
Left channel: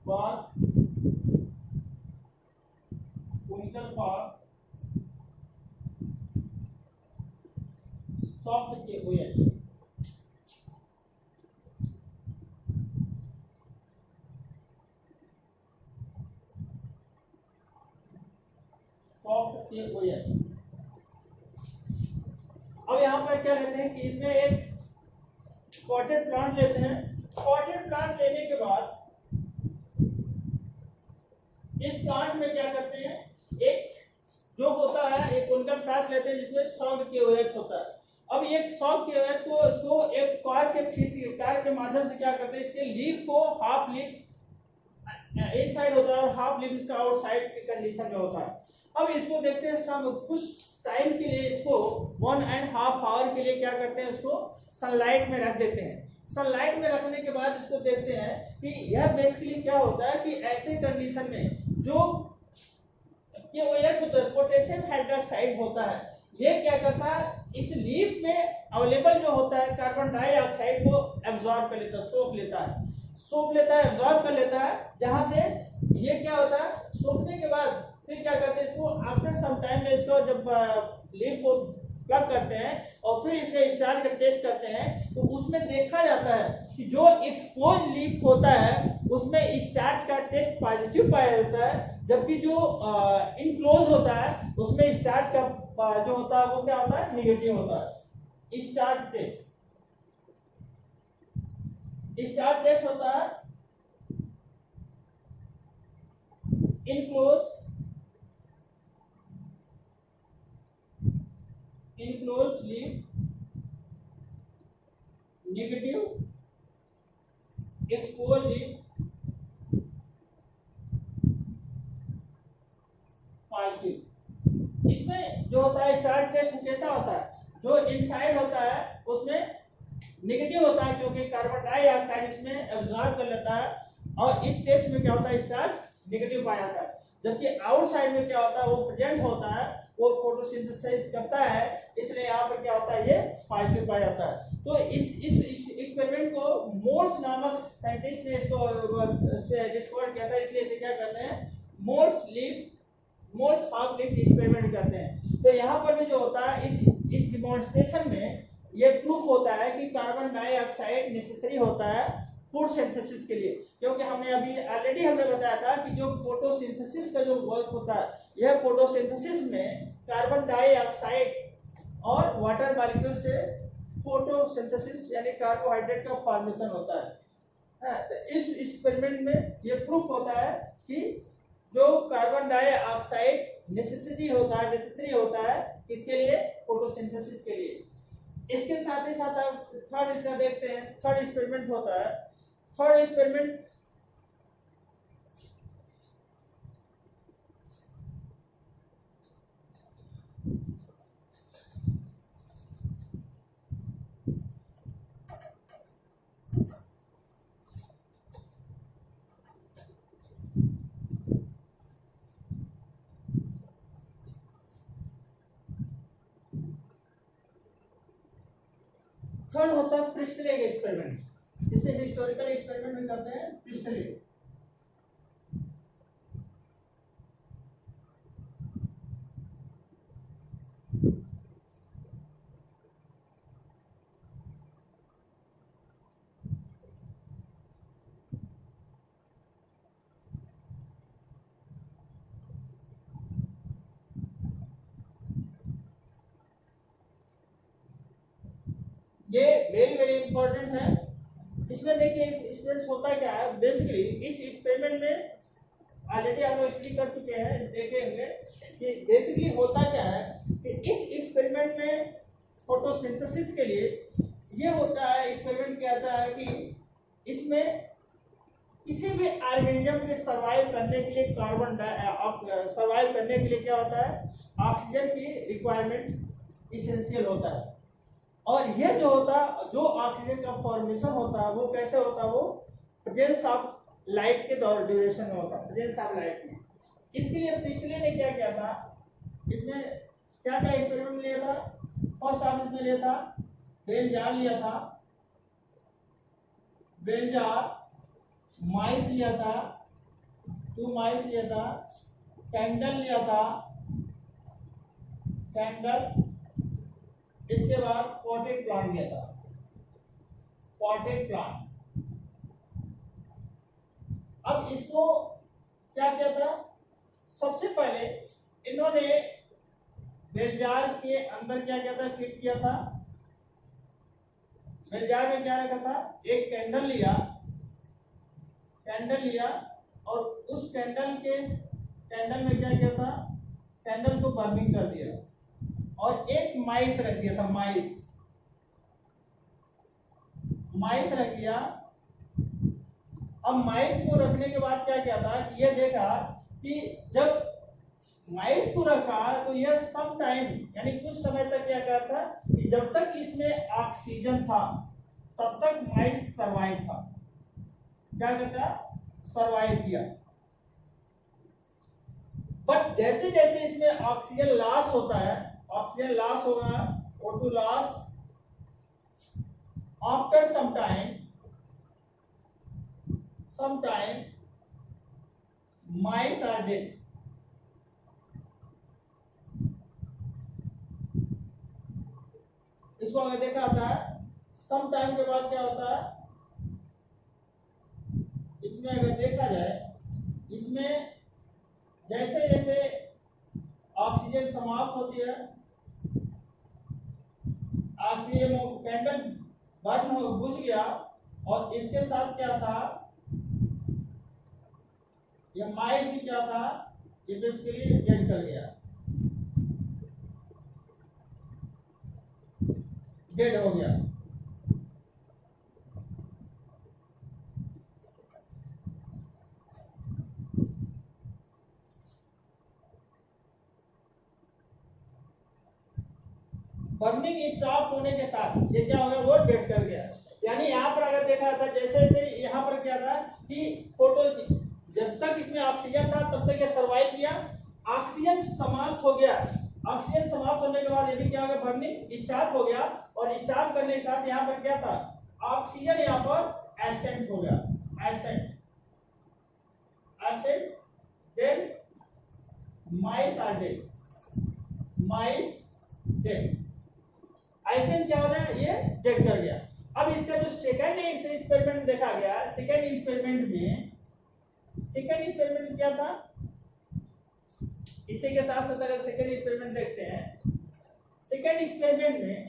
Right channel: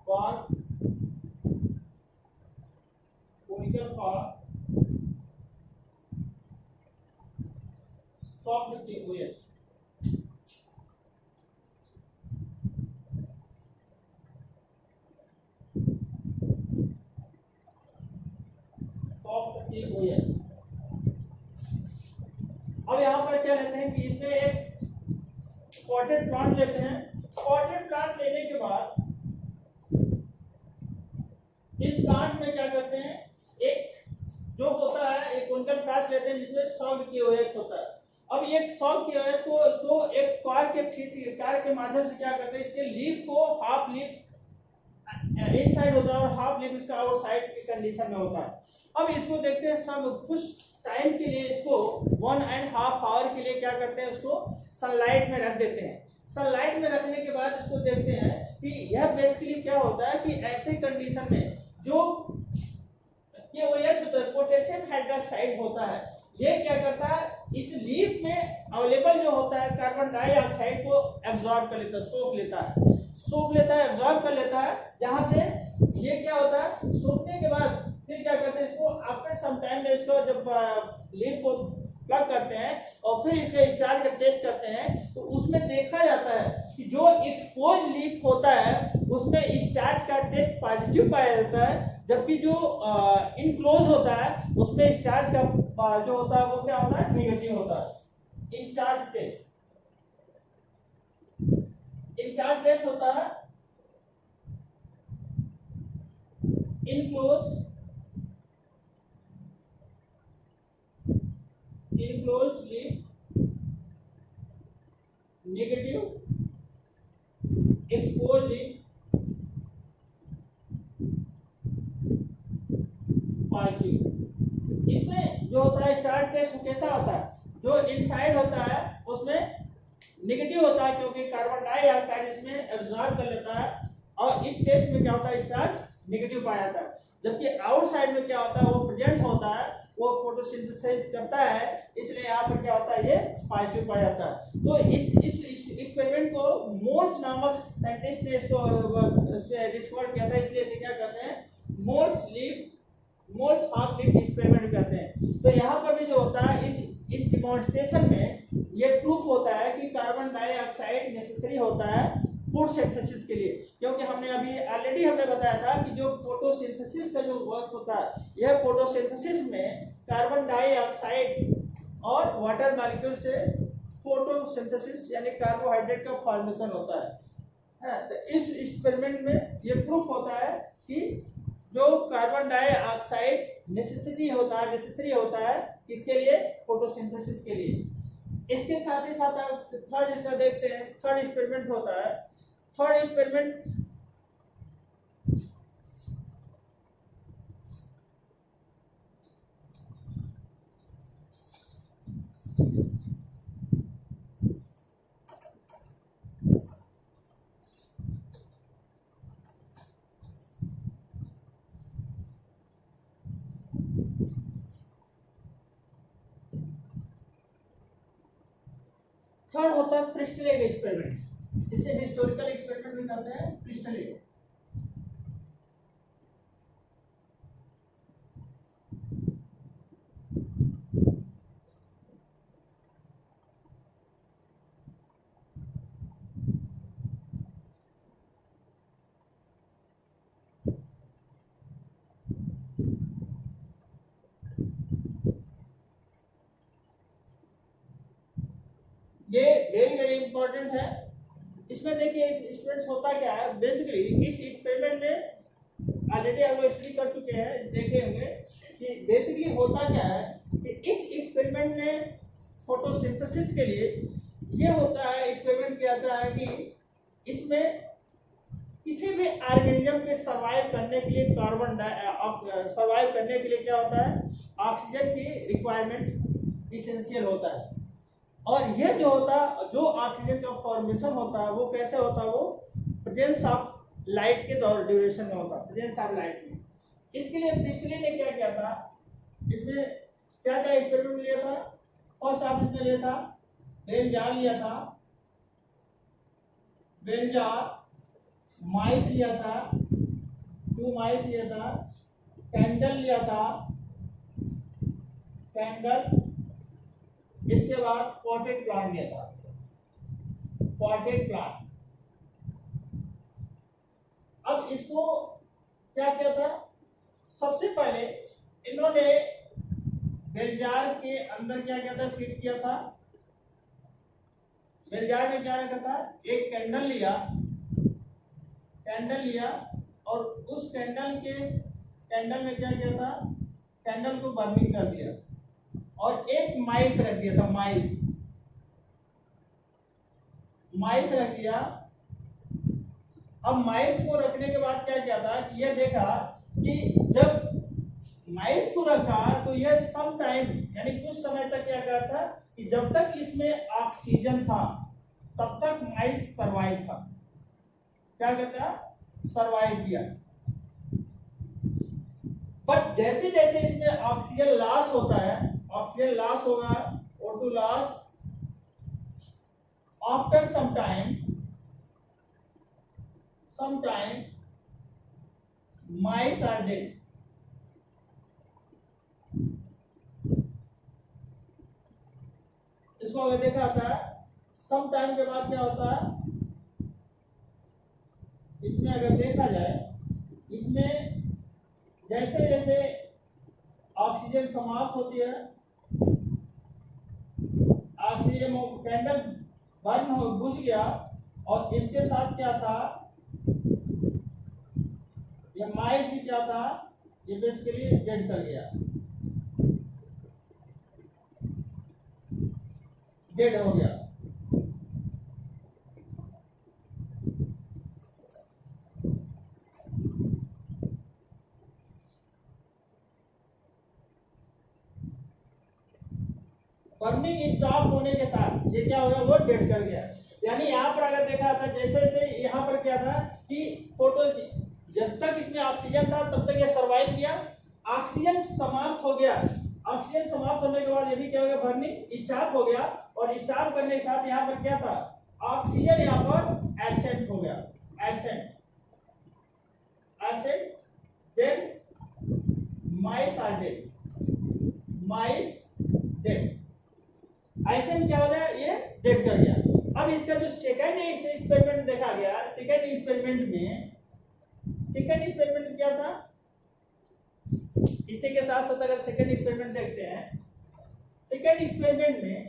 बात कोनिकल फ्लास्क सॉफ्ट के OH सॉफ्ट के OH। अब यहाँ पर क्या लेते हैं कि इसमें एक पॉटेड प्लांट लेते हैं, पॉटेड प्लांट लेने के बाद इस प्लांट में क्या करते हैं, एक जो होता है एक कोनिकल फ्लास्क लेते हैं जिसमें 100 KOH होता है। अब ये 100 KOH को इसको एक कार के माध्यम से क्या करते हैं, इसके लीफ को हाफ लीफ इनसाइड होता है और हाफ लीफ इसका आउटसाइड की कंडीशन में होता है। अब इसको देखते हैं, सब कुछ टाइम के लिए इसको 1.5 आवर के लिए क्या करते हैं, उसको सनलाइट में रख देते हैं। सनलाइट में रखने के बाद इसको देखते हैं कि यह बेसिकली क्या होता है कि ऐसे कंडीशन में जो KOH होता है, पोटेशियम हाइड्रोक्साइड होता है, ये क्या करता है, इस लीफ में अवेलेबल जो होता है कार्बन डाइऑक्साइड को एब्जॉर्ब कर लेता है, सोख लेता है, एब्जॉर्ब कर लेता है। जहां से ये क्या होता है, सोखने के बाद फिर क्या करते हैं, इसको आफ्टर सम टाइम में इसको जब लीफ को प्लग करते हैं और फिर इसके स्टार्च का टेस्ट करते हैं, तो उसमें देखा जाता है कि जो एक्सपोज लीफ होता है उसमें स्टार्च का टेस्ट पॉजिटिव पाया जाता है, जबकि जो इनक्लोज होता है उसमें स्टार्च का जो होता है वो क्या होता है, निगेटिव होता है। स्टार्च टेस्ट होता है enclose enclosed leaf negative exposed leaf positive. इसमें जो होता है स्टार्ट केस कैसा होता है, जो इनसाइड होता है उसमें नेगेटिव होता है क्योंकि कार्बन डाइऑक्साइड इसमें एब्जॉर्ब कर लेता है, और इस टेस्ट में क्या होता है स्टार्च नेगेटिव पाया जाता है। जबकि आउटसाइड में क्या होता है वो प्रेजेंट होता है, वो फोटोसिंथेसिस करता है, इसलिए यहाँ पर क्या होता है ये पॉजिटिव पाया जाता है। तो इस एक्सपेरिमेंट को मोल्स नामक साइंटिस्ट ने इसको डिस्कवर किया था, इसलिए इसे क्या कहते हैं मोल्स हाफ लीफ एक्सपेरिमेंट कहते हैं। तो यहाँ पर भी जो होता है इस डिमॉन्स्ट्रेशन में ये प्रूफ होता है कि कार्बन डाइऑक्साइड नेसेसरी होता है फूड सिंथेसिस के लिए, क्योंकि हमने अभी ऑलरेडी हमें बताया था कि जो फोटोसिंथेसिस का जो वर्क होता है, यह फोटोसिंथेसिस में कार्बन डाइऑक्साइड और वाटर मॉलिक्यूल से फोटोसिंथेसिस यानी कार्बोहाइड्रेट का फॉर्मेशन होता है। तो इस एक्सपेरिमेंट में ये प्रूफ होता है कि जो कार्बन डाइऑक्साइड नेसेसरी होता है किसके लिए, फोटोसिंथेसिस के लिए। इसके साथ ही साथ आप थर्ड इसका देखते हैं, थर्ड एक्सपेरिमेंट होता है। थर्ड एक्सपेरिमेंट थर्ड होता है प्रिस्टलेट एक्सपेरिमेंट, इसे हिस्टोरिकल एक्सपेरिमेंट भी कहते हैं प्रिस्टलेट। ये वेरी वेरी इंपॉर्टेंट है। इसमें देखिए स्टूडेंट्स होता क्या है, बेसिकली इस एक्सपेरिमेंट में ऑलरेडी हम लोग स्टडी कर चुके हैं, देखेंगे कि बेसिकली होता क्या है कि इस एक्सपेरिमेंट में फोटोसिंथेसिस के लिए ये होता है, एक्सपेरिमेंट किया जाता है कि इसमें किसी भी ऑर्गेनिज्म के सर्वाइव करने के लिए सर्वाइव करने के लिए क्या होता है, ऑक्सीजन की रिक्वायरमेंट इसेंशियल होता है। और ये जो ऑक्सीजन का फॉर्मेशन होता है वो कैसे होता है, वो प्रेजेंस ऑफ लाइट के ड्यूरेशन में होता है, प्रेजेंस ऑफ लाइट में। इसके लिए प्रिस्टले ने क्या किया था, इसमें क्या क्या एक्सपेरिमेंट लिया था। फर्स्ट ऑफ इसमें लिया था बेलजार लिया था, बेलजार माइस लिया था, 2 माइस लिया था, कैंडल लिया था, कैंडल, इसके बाद पॉटेड प्लांट लिया था, पॉटेड प्लांट। अब इसको क्या किया था, सबसे पहले इन्होंने बेलजार के अंदर क्या किया था, फिट किया था। बेलजार में क्या रखा था, एक कैंडल लिया और उस कैंडल में क्या किया था, कैंडल को बर्निंग कर दिया और एक माइस रख दिया था, माइस रख दिया। अब माइस को रखने के बाद क्या किया था, यह देखा कि जब माइस को रखा तो यह सम टाइम यानी कुछ समय तक क्या करता कि जब तक इसमें ऑक्सीजन था तब तक माइस सरवाइव था, क्या कहता, सरवाइव किया। बट जैसे जैसे इसमें ऑक्सीजन लॉस होता है, ऑक्सीजन लॉस होगा, O2 loss, after some time mice are dead। इसको अगर देखा जाता है सम टाइम के बाद क्या होता है, इसमें अगर देखा जाए, इसमें जैसे जैसे ऑक्सीजन समाप्त होती है, ऑक्सीजन कैंडल बर्न हो बुझ गया और इसके साथ क्या था, ये माइस भी क्या था, ये बेसिकली डेड कर गया। डेड हो गया। बर्निंग स्टॉप होने के साथ ये क्या हो गया, वो डेड कर गया। यानी यहाँ पर अगर देखा था जैसे जैसे यहाँ पर क्या था कि फोटो जब तक इसमें ऑक्सीजन था तब तक ये सर्वाइव किया, ऑक्सीजन समाप्त हो गया, ऑक्सीजन समाप्त होने के बाद ये भी क्या हो गया, बर्निंग स्टॉप हो गया। और स्टॉप करने के साथ यहाँ पर क्या था, ऑक्सीजन यहाँ पर एब्सेंट हो गया, absent absent. Then mice are dead, mice dead. ऐसे क्या हो गया, ये डेड कर गया। अब इसका जो सेकंड एक्सपेरिमेंट देखा गया, सेकंड एक्सपेरिमेंट में क्या था, इसी के साथ साथ अगर सेकंड एक्सपेरिमेंट देखते हैं, सेकंड एक्सपेरिमेंट में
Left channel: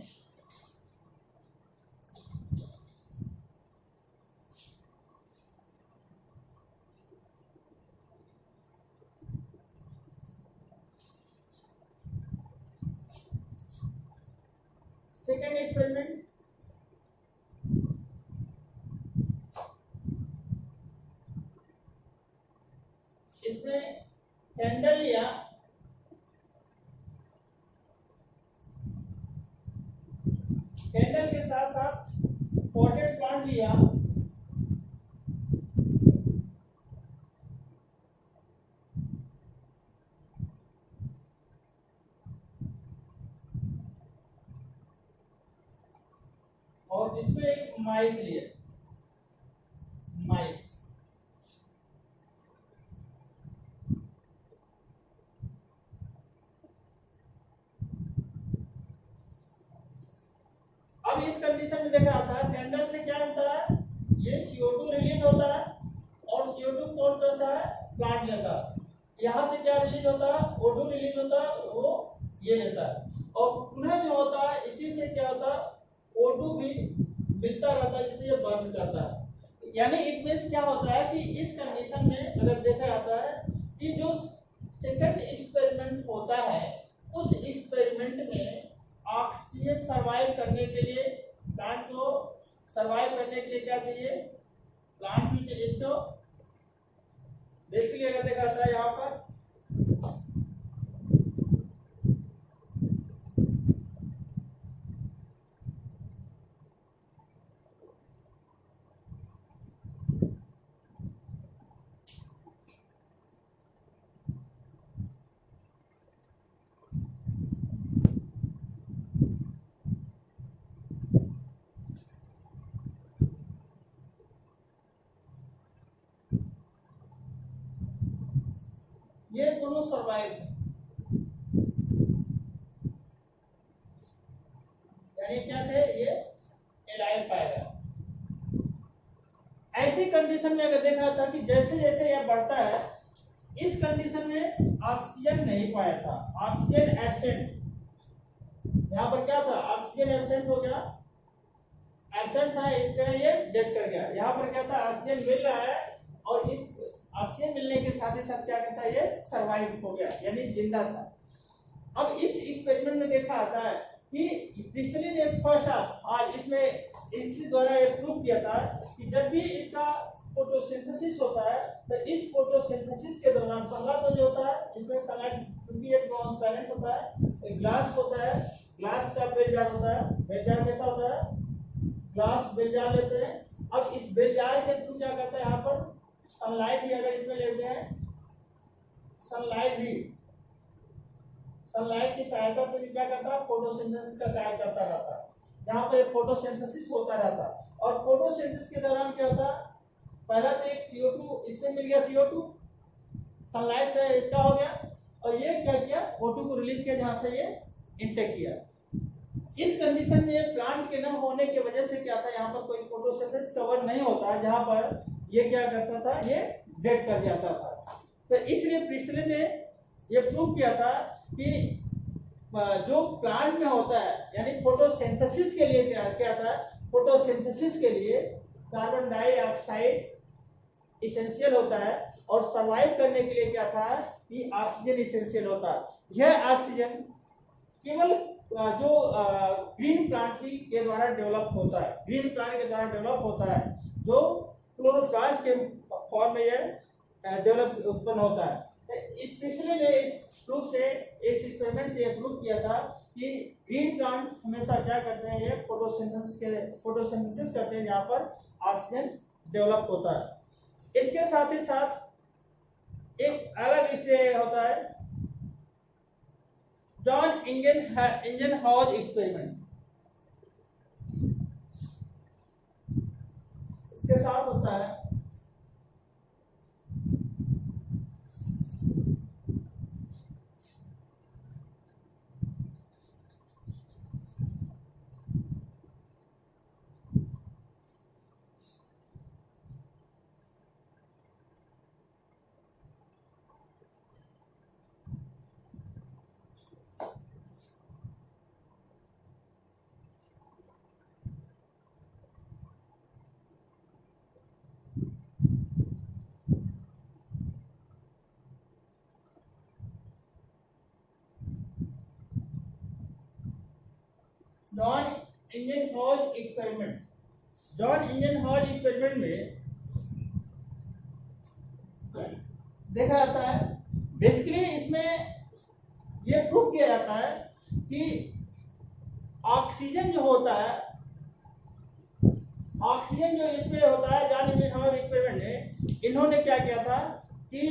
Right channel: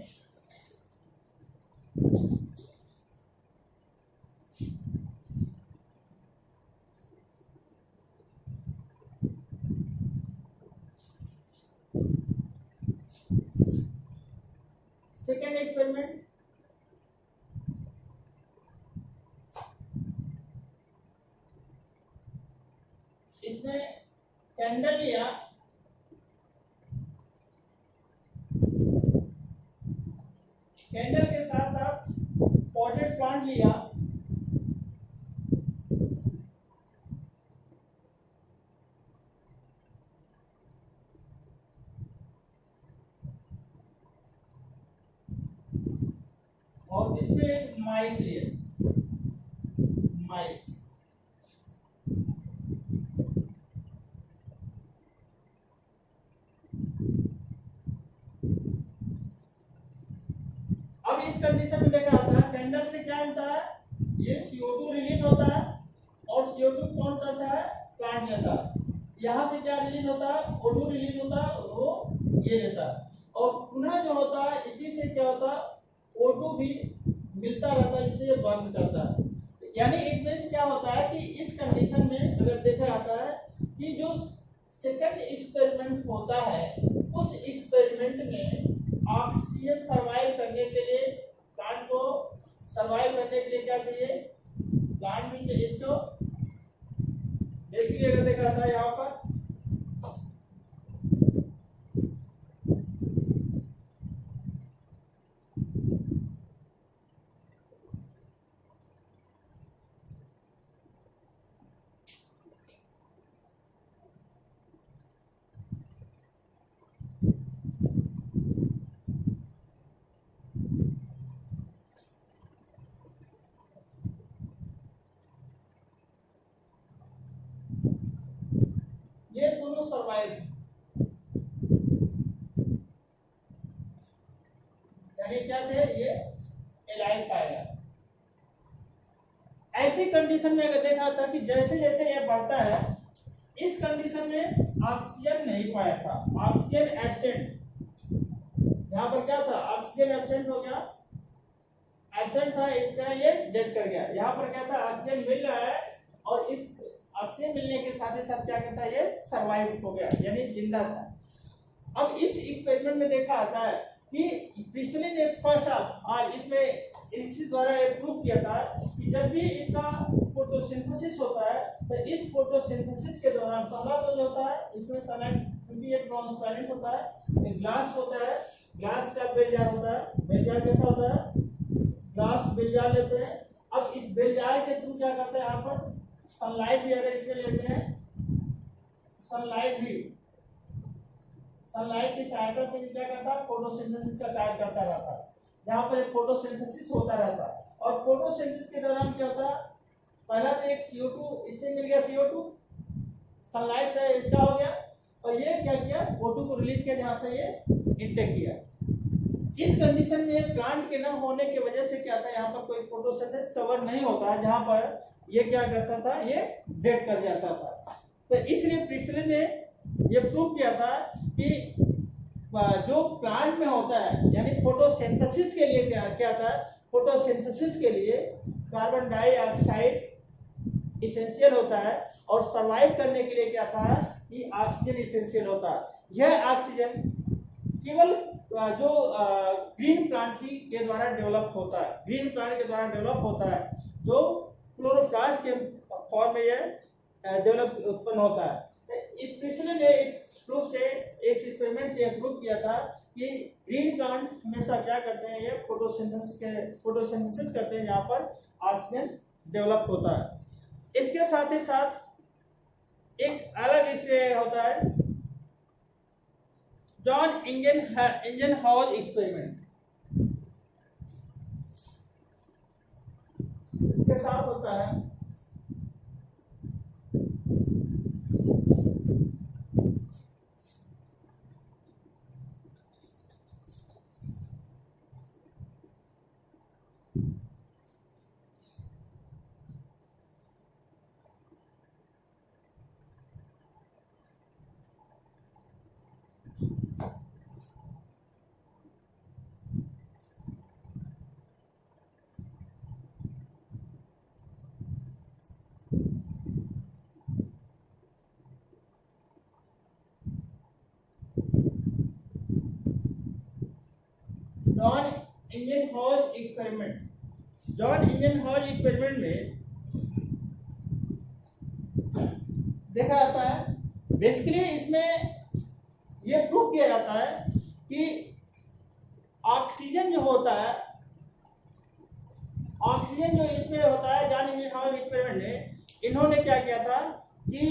इसमें कैंडल लिया, कैंडल के साथ साथ पॉटेड प्लांट लिया, और इसमें एक माइस लिए, माइस। अब इस कंडीशन में देखा था कैंडल से क्या होता है, ये CO2 रिलीज होता है और CO2 कौन करता है, प्लांट लेता है। यहाँ से क्या रिलीज होता है, O2 रिलीज होता है, वो ये लेता है। और पुनः जो होता है इसी से क्या होता है, O2 भी मिलता रहता है, जिससे ये बर्न करता है। यानी एक मींस क्या होता है कि इस कंडीशन में अगर देखा जाता है कि जो सेकंड एक्सपेरिमेंट होता है, उस एक्सपेरिमेंट में ऑक्सीजन सर्वाइव करने के लिए, प्लांट को सर्वाइव करने के लिए क्या चाहिए, प्लांट भी चाहिए। इसको बेसिकली अगर देखा जाता है यहाँ पर ये दोनों सर्वाइव, यानी क्या थे, ये एलाइव पाएगा। ऐसी कंडीशन में अगर देखा था कि जैसे जैसे यह बढ़ता है, इस कंडीशन में ऑक्सीजन नहीं पाया था, ऑक्सीजन एब्सेंट। यहाँ पर क्या था, ऑक्सीजन एब्सेंट हो गया, एब्सेंट था, इसका ये डेड कर गया। यहाँ पर क्या था, ऑक्सीजन मिल रहा है और इस ऑक्सीजन मिलने के साथ ही साथ क्या करता है, ये सर्वाइव हो गया, यानी जिंदा था। अब इस एक्सपेरिमेंट में देखा आता है कि पिछले ने फर्स्ट हाफ और इसमें इसी द्वारा ये प्रूव किया था कि जब भी इसका फोटोसिंथेसिस होता है तो इस फोटोसिंथेसिस के दौरान पहला तो जो होता है इसमें सनलाइट, क्योंकि ये ट्रांसपेरेंट होता है, एक ग्लास होता है, ग्लास का बेल जार होता है। बेल जार कैसा होता है, ग्लास बेल जार लेते हैं। अब इस बेल जार के थ्रू क्या करते हैं, यहाँ पर सनलाइट भी अगर इसमें लेते हैं, सनलाइट भी, सनलाइट की सहायता से भी क्या करता है, फोटोसिंथेसिस का कार्य करता रहता है, जहाँ पर फोटोसिंथेसिस होता रहता है। और फोटोसिंथेसिस के दौरान क्या होता है, पहला तो एक CO2 इससे मिल गया, CO2 सनलाइट से इसका हो गया, और ये क्या किया, O2 को रिलीज किया, जहाँ से ये इंटेक किया। इस कंडीशन में प्लांट के न होने की वजह से क्या था, यहाँ पर कोई फोटोसिंथेसिस कवर नहीं होता, जहाँ पर ये क्या करता था, ये डेड कर जाता था। तो इसलिए प्रिस्टले ने ये प्रूव किया था कि जो प्लांट में होता है, यानी फोटोसिंथेसिस के लिए क्या था, फोटोसिंथेसिस के लिए कार्बन डाइऑक्साइड इसेंशियल होता है और सर्वाइव करने के लिए क्या था कि ऑक्सीजन इसेंशियल होता है। यह ऑक्सीजन केवल जो ग्रीन प्लांट ही के द्वारा डेवलप होता है, ग्रीन प्लांट के द्वारा डेवलप होता है, जो क्लोरोप्लास्ट के फॉर्म में यह डेवलप उत्पन्न होता है। स्पेशली ने इस प्रूफ से, इस एक्सपेरिमेंट से प्रूव किया था कि ग्रीन प्लांट हमेशा क्या करते हैं, ये फोटोसिंथेसिस करते हैं जहां पर ऑक्सीजन डेवलप होता है। इसके साथ ही साथ एक अलग इससे होता है जॉन इंजनहॉज एक्सपेरिमेंट। इसके साथ होता है जॉन इंजनहॉज एक्सपेरिमेंट। जॉन इंजनहॉज एक्सपेरिमेंट में देखा जाता है, बेसिकली इसमें यह प्रूव किया जाता है कि ऑक्सीजन जो होता है, ऑक्सीजन जो इसमें होता है जॉन इंजनहॉज एक्सपेरिमेंट में इन्होंने क्या किया था कि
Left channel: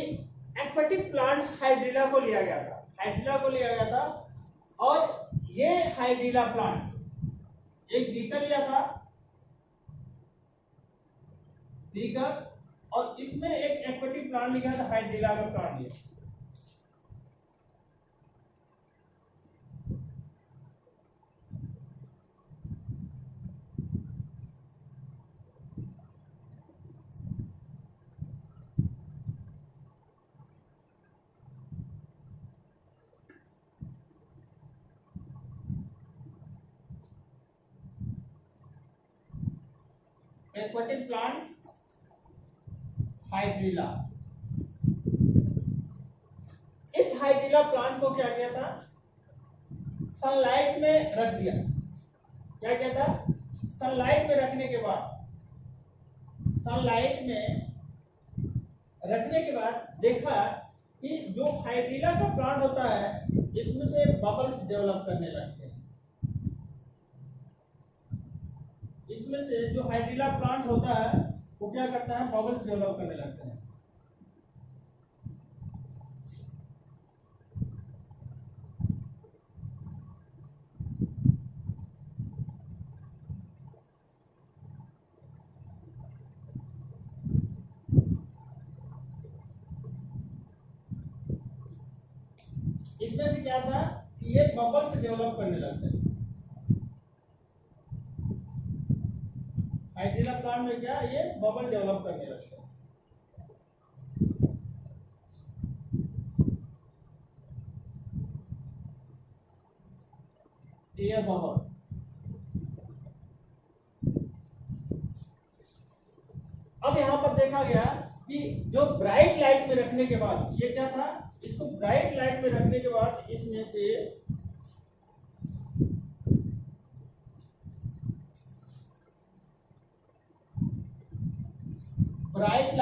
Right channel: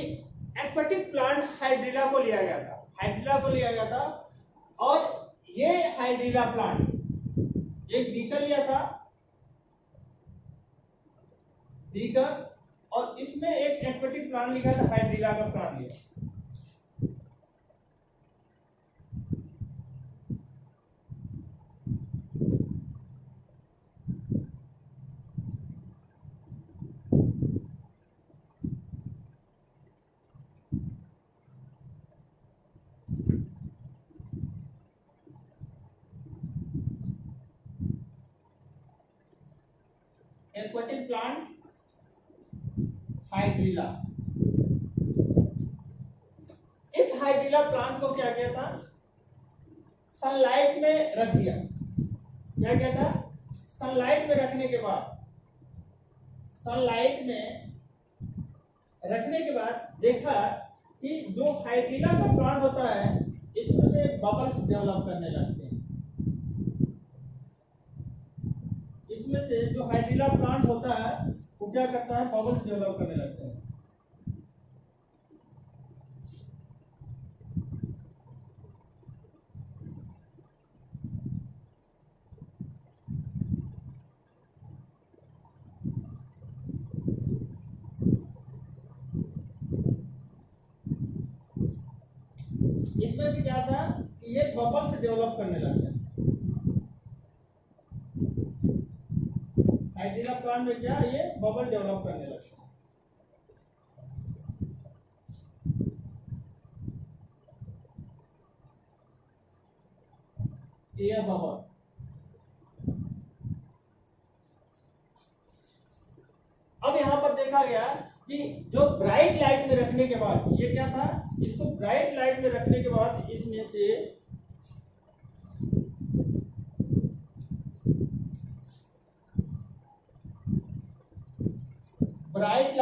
एक्वेटिक प्लांट हाइड्रिला को लिया गया था, हाइड्रिला को लिया गया था, और ये हाइड्रिला प्लांट एक बीकर लिया था, बीकर, और इसमें एक एक्वेटिक प्लांट लिखा था, हाइड्रिला का प्लांट लिया। Aquatic plant hydrilla. इस हाइड्रिला प्लांट को क्या किया था, सनलाइट में रख दिया। क्या किया था, सनलाइट में रखने के बाद, सनलाइट में रखने के बाद देखा कि जो हाइड्रिला का प्लांट होता है इसमें से बबल्स डेवलप करने लगते हैं। इसमें से जो हाइड्रिला प्लांट होता है वो क्या करता है, बबल्स डेवलप करने लगते हैं। इसमें से क्या था कि ये बबल्स डेवलप करने लगते हैं। हाइड्रिला प्लांट में क्या, ये बबल डेवलप करने लगते हैं। Air bubble. अब यहां पर देखा गया कि जो ब्राइट लाइट में रखने के बाद, ये क्या था, इसको ब्राइट लाइट में रखने के बाद इसमें से ब्राइट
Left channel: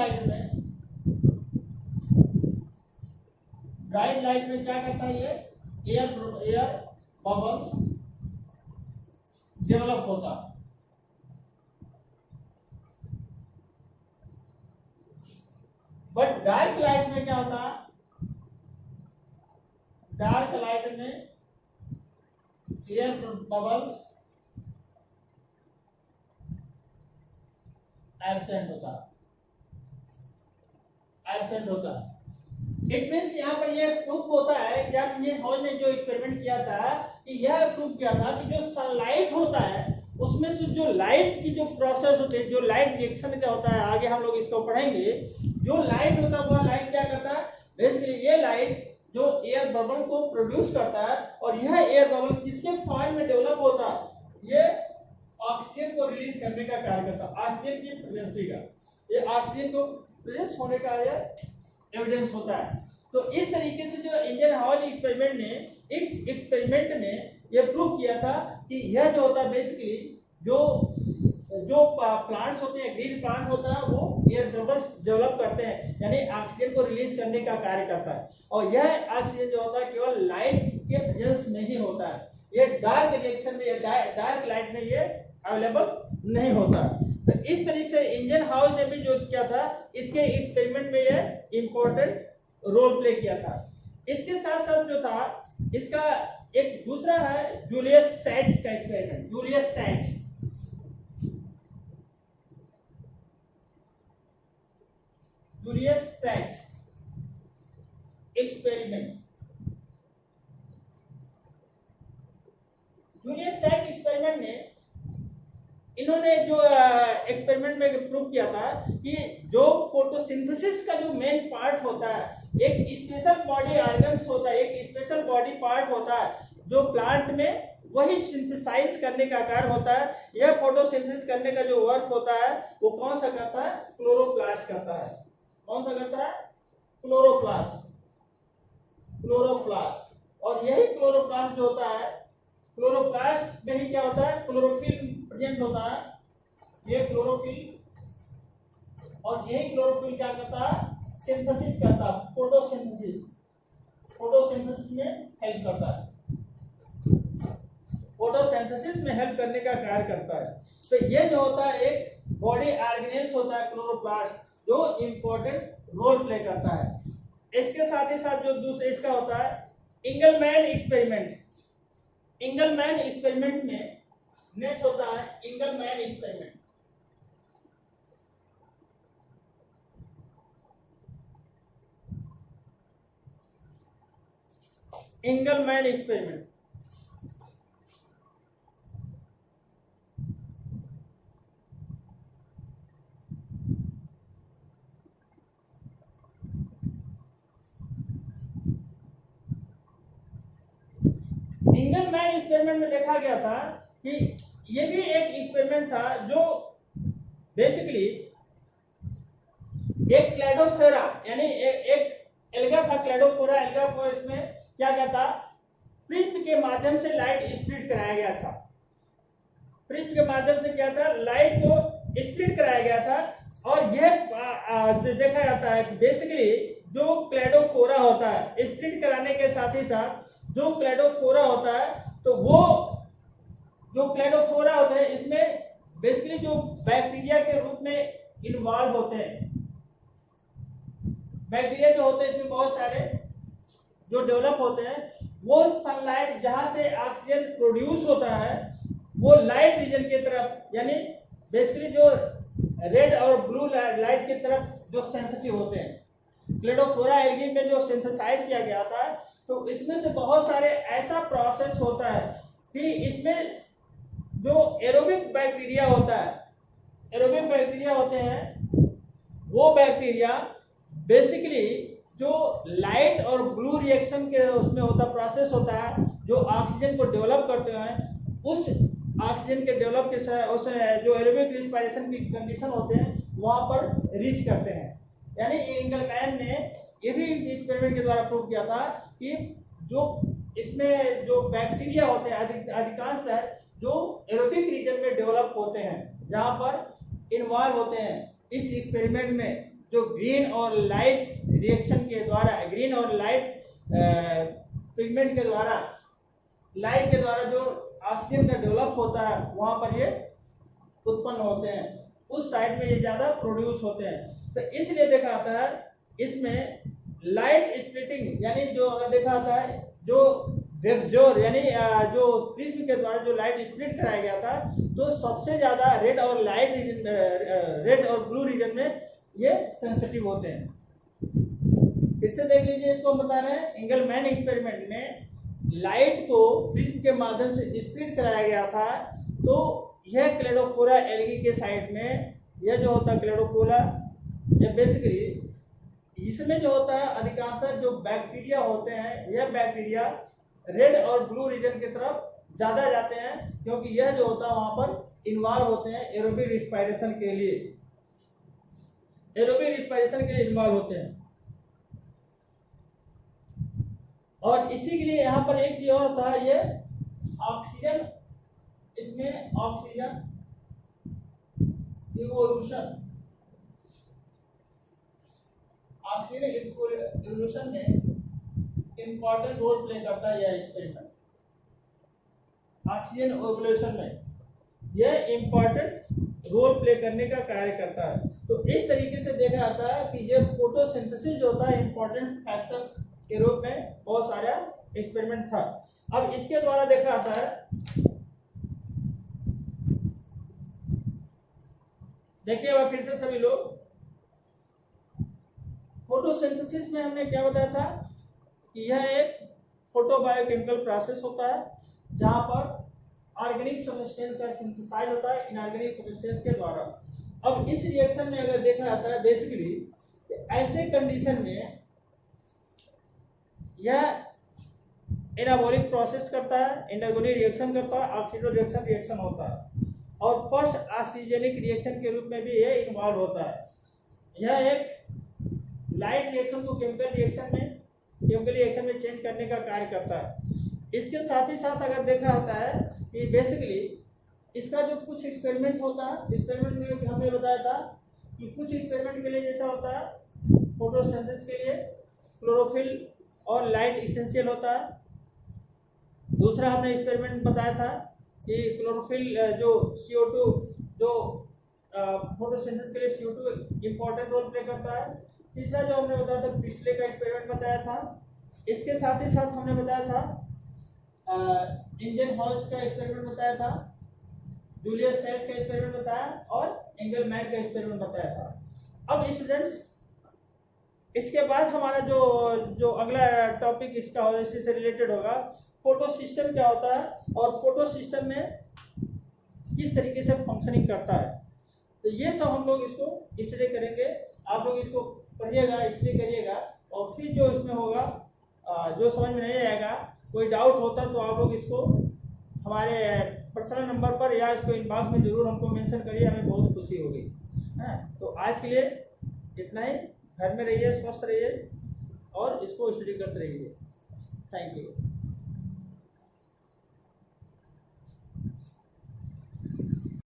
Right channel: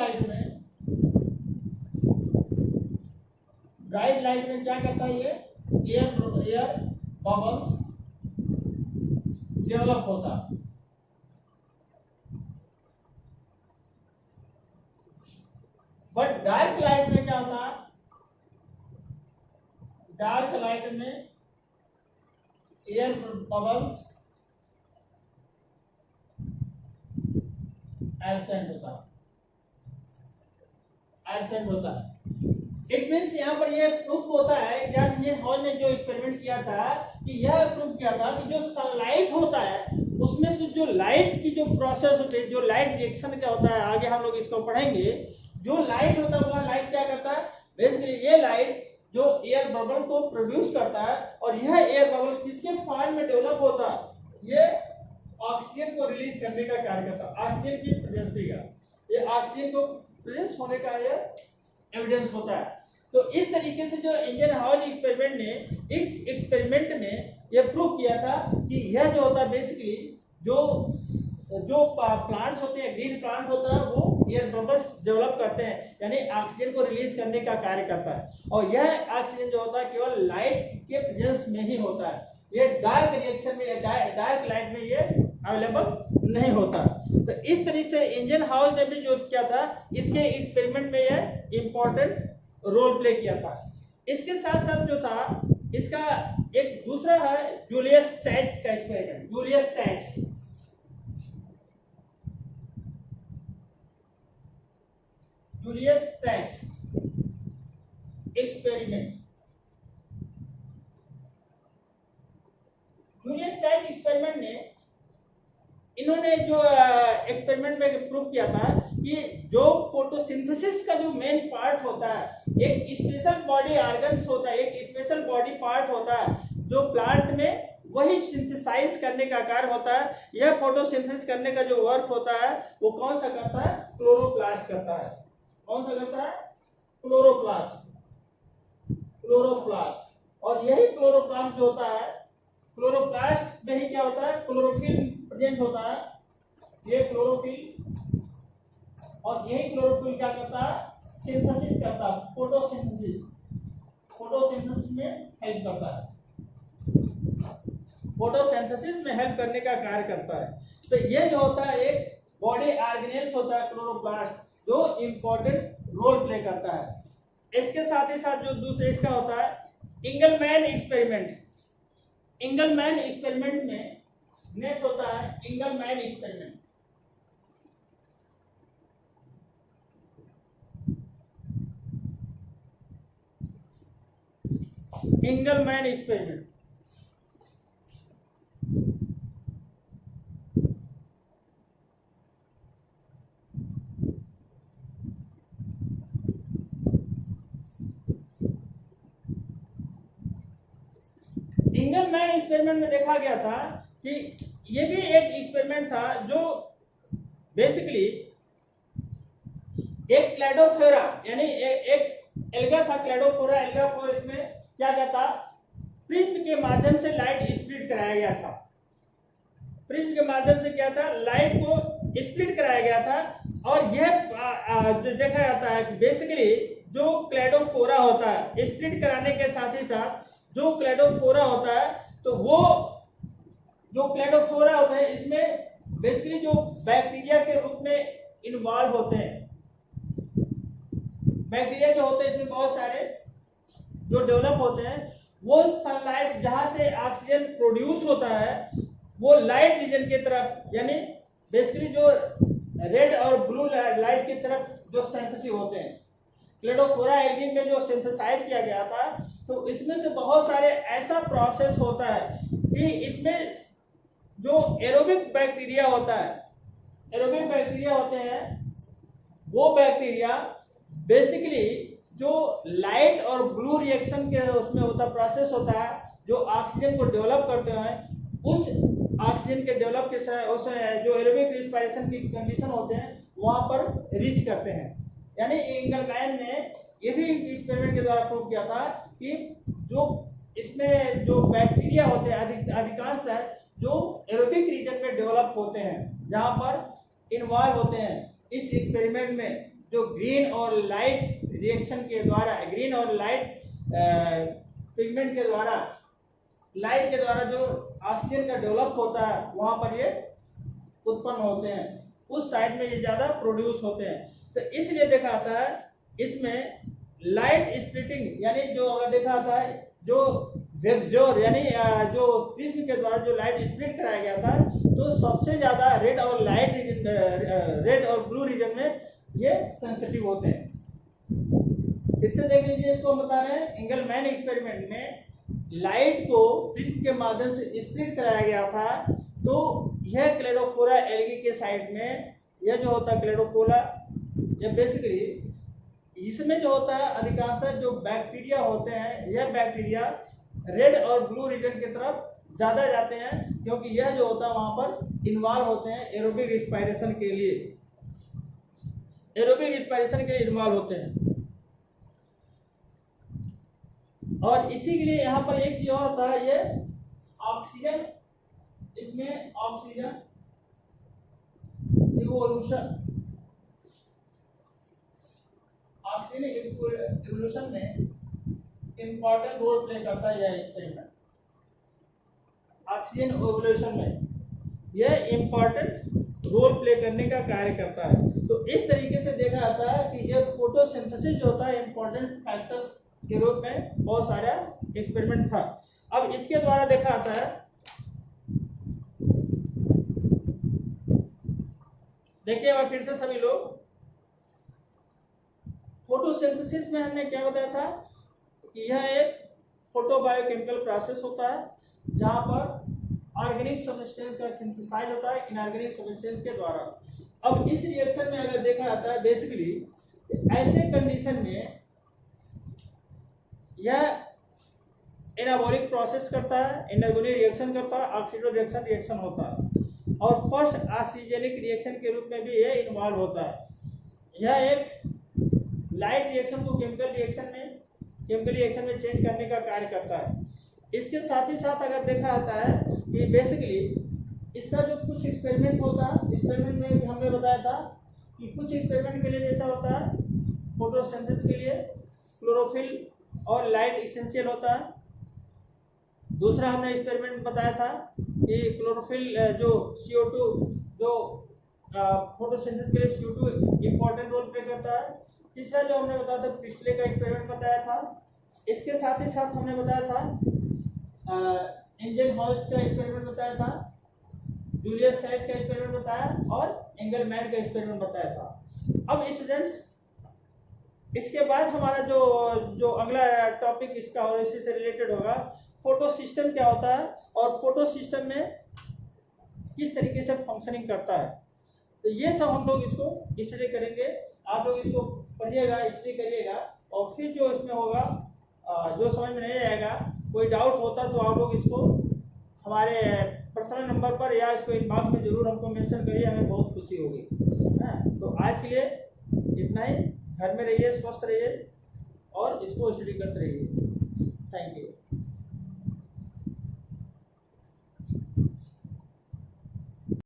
लाइट में क्या करता है, ये एयर बबल्स डेवलप होता है। बट डार्क लाइट में क्या होता है, डार्क लाइट में एयर बबल्स एब्सेंट होता है। इट मीन्स यहाँ पर यह प्रूफ होता है, जॉन इंजनहॉज ने जो एक्सपेरिमेंट किया था कि यह प्रूफ किया था कि जो सनलाइट होता है उसमें से जो लाइट की जो प्रोसेस होती है, जो लाइट रिएक्शन क्या होता है, आगे हम लोग इसको पढ़ेंगे। जो लाइट होता है वह लाइट क्या करता है, बेसिकली ये लाइट जो एयर बबल को प्रोड्यूस करता है, और यह एयर बबल किसके फॉर्म में डेवलप होता है, ये ऑक्सीजन को रिलीज करने का कार्य करता है, ऑक्सीजन की प्रेजेंसी का, ये ऑक्सीजन को प्रेजेंस होने का ये एविडेंस होता है। तो इस तरीके से जो इंजनहाउस एक्सपेरिमेंट ने इस एक्सपेरिमेंट में यह प्रूव किया था कि यह जो होता है बेसिकली जो जो प्लांट्स होते हैं, ग्रीन प्लांट होता है, वो एयर बबल्स डेवलप करते हैं, यानी ऑक्सीजन को रिलीज करने का कार्य करता है। और यह ऑक्सीजन जो होता है केवल लाइट के प्रेजेंस में ही होता है, ये डार्क रिएक्शन में, डार्क लाइट में ये अवेलेबल नहीं होता। तो इस तरीके से इंजन हाउस ने भी जो किया था, इसके एक्सपेरिमेंट में यह इंपॉर्टेंट रोल प्ले किया था। इसके साथ साथ जो था इसका एक दूसरा है जूलियस सैच का experiment. Julius Sachs experiment. Julius Sachs experiment ने इन्होंने जो एक्सपेरिमेंट में प्रूव किया था कि जो फोटोसिंथेसिस का जो मेन पार्ट होता है, एक स्पेशल बॉडी ऑर्गन्स होता है, एक स्पेशल बॉडी पार्ट होता है जो प्लांट में वही सिंथेसाइज करने का कार्य होता है। यह फोटोसिंथेसिस करने का जो वर्क होता है वो कौन सा करता है? क्लोरोप्लास्ट करता है। कौन सा करता है? क्लोरोप्लास्ट। और यही क्लोरोप्लास्ट जो होता है, क्लोरोप्लास्ट में ही क्या होता है? क्लोरोफिल प्रेजेंट होता है, ये क्लोरोफिल। और यही क्लोरोफिल क्या करता है? सिंथेसिस करता है, फोटोसिंथेसिस में हेल्प करता है, फोटोसिंथेसिस में हेल्प करने का कार्य करता है। तो ये जो होता है एक बॉडी ऑर्गेनेल्स होता है क्लोरोप्लास्ट, जो इंपॉर्टेंट रोल प्ले करता है। इसके साथ ही साथ जो दूसरे इसका होता है इंगलमैन एक्सपेरिमेंट। इंगलमैन एक्सपेरिमेंट में नेक्स्ट होता है इंगलमैन एक्सपेरिमेंट। इंगलमैन एक्सपेरिमेंट इंगलमैन एक्सपेरिमेंट में देखा गया था कि ये भी एक एक्सपेरिमेंट था जो बेसिकली एक क्लैडोफोरा यानी एक एल्गा था, क्लैडोफोरा एल्गा को इसमें क्या कहता, प्रिज्म के माध्यम से लाइट स्प्लिट कराया गया था। प्रिज्म के माध्यम से क्या था? लाइट को स्प्लिट कराया गया था। और यह देखा जाता है बेसिकली जो क्लैडोफोरा होता है, स्प्लिट कराने के साथ ही साथ जो क्लैडोफोरा होता है, तो वो जो क्लैडोफोरा होता है इसमें बेसिकली जो बैक्टीरिया के रूप में इन्वॉल्व होते हैं। बैक्टीरिया जो होते हैं इसमें बहुत सारे जो डेवलप होते हैं, वो सनलाइट जहां से ऑक्सीजन प्रोड्यूस होता है वो लाइट रीजन की तरफ, यानी बेसिकली जो रेड और ब्लू लाइट की तरफ जो सेंसिटिव होते हैं। क्लैडोफोरा एल्गी में जो सिंथेसाइज किया गया था, तो इसमें से बहुत सारे ऐसा प्रोसेस होता है कि इसमें जो एरोबिक बैक्टीरिया होता है, एरोबिक बैक्टीरिया होते हैं, वो बैक्टीरिया बेसिकली जो लाइट और ब्लू रिएक्शन के उसमें होता प्रोसेस होता है, जो ऑक्सीजन को डेवलप करते हैं, उस ऑक्सीजन के डेवलप के उस जो एरोबिक रिस्पायरेशन की कंडीशन होते हैं वहां पर रीच करते हैं। यानी इंगलमैन ने ये भी एक्सपेरिमेंट के द्वारा प्रूव किया था कि जो इसमें जो बैक्टीरिया होते हैं अधिकांशतः जो एरोबिक रीजन में डेवलप होते हैं, जहां पर इन्वॉल्व होते हैं। इस एक्सपेरिमेंट में जो ग्रीन और लाइट रिएक्शन के द्वारा, ग्रीन और लाइट पिगमेंट के द्वारा, लाइट के द्वारा जो ऑक्सीजन का डेवलप होता है वहां पर ये उत्पन्न होते हैं, उस साइड में ये ज्यादा प्रोड्यूस होते हैं। तो इसलिए देखा जाता है इसमें लाइट स्प्लिटिंग, यानी जो अगर देखा जाता है जो वेबजोर यानी जो प्रिज्म के द्वारा जो लाइट स्प्लिट कराया गया था, तो सबसे ज्यादा रेड और लाइट रीजन, रेड और ब्लू रीजन में ये सेंसिटिव होते हैं। फिर से देख लीजिए, इसको हम बता रहे हैं इंगलमैन एक्सपेरिमेंट में लाइट को प्रिज्म के माध्यम से स्प्लिट कराया गया था। तो यह क्लैडोफोरा एल्गी के साइड में यह जो होता है क्लैडोफोरा, यह बेसिकली इसमें जो होता है अधिकांशतः जो बैक्टीरिया होते हैं, यह बैक्टीरिया रेड और ब्लू रीजन की तरफ ज्यादा जाते हैं, क्योंकि यह जो होता है वहां पर इन्वॉल्व होते हैं एरोबिक रिस्पायरेशन के लिए, एरोबिक रिस्पायरेशन के लिए इन्वॉल्व होते हैं। और इसी के लिए यहाँ पर एक चीज और होता है, ये ऑक्सीजन, इसमें ऑक्सीजन इवोल्यूशन, ऑक्सीजन इवोल्यूशन में इंपॉर्टेंट रोल प्ले करता है यह एक्सपेरिमेंट। ऑक्सीजन इवोल्यूशन में यह इंपॉर्टेंट रोल प्ले करने का कार्य करता है। तो इस तरीके से देखा जाता है कि ये फोटोसिंथेसिस जो होता है इंपॉर्टेंट फैक्टर के रूप में बहुत सारा एक्सपेरिमेंट था। अब इसके द्वारा देखा जाता है, देखिए अब फिर से सभी लोग, फोटोसिंथेसिस में हमने क्या बताया था कि यह एक फोटोबायोकेमिकल प्रोसेस होता है जहां पर ऑर्गेनिक सब्सटेंस का सिंथेसाइज होता है इनऑर्गेनिक सब्सटेंस के द्वारा। अब इस रिएक्शन में अगर देखा जाता है बेसिकली ऐसे कंडीशन में यह एनाबॉलिक प्रोसेस करता है, एनर्गोनिक रिएक्शन करता है, ऑक्सीडोरिएक्शन रिएक्शन होता है और फर्स्ट ऑक्सीजनिक रिएक्शन के रूप में भी यह इन्वॉल्व होता है। यह एक लाइट रिएक्शन को केमिकल रिएक्शन में चेंज करने का कार्य करता है। इसके साथ ही साथ अगर देखा जाता है कि बेसिकली इसका जो कुछ एक्सपेरिमेंट होता है, एक्सपेरिमेंट में हमने बताया था कि कुछ एक्सपेरिमेंट के लिए जैसा होता है फोटोसिंथेसिस के लिए क्लोरोफिल और लाइट इसेंशियल होता है। दूसरा हमने एक्सपेरिमेंट बताया था कि क्लोरोफिल जो CO2 जो फोटोसिंथेसिस के लिए CO2 इंपॉर्टेंट रोल प्ले करता है। तीसरा जो हमने बताया था पिछले का एक्सपेरिमेंट बताया था। इसके साथ ही साथ हमने बताया था इंजन हाउस का एक्सपेरिमेंट बताया था, जूलियस सेल्स का एक्सपेरिमेंट बताया और एंगलमैन का एक्सपेरिमेंट बताया था। अब स्टूडेंट्स इसके बाद हमारा जो अगला टॉपिक इसका होगा, इसी से रिलेटेड होगा, फोटो सिस्टम क्या होता है और फोटो सिस्टम में किस तरीके से फंक्शनिंग करता है। तो ये सब हम लोग इसको स्टडी करेंगे। आप लोग इसको पढ़िएगा, स्टडी करिएगा और फिर जो इसमें होगा जो समझ में नहीं आएगा, कोई डाउट होता तो आप लोग इसको हमारे पर्सनल नंबर पर या इसको इनबॉक्स में जरूर हमको मेंशन करिए, हमें बहुत खुशी होगी। हाँ, तो आज के लिए इतना ही। घर में रहिए, स्वस्थ रहिए और इसको स्टडी करते रहिए। Thank you.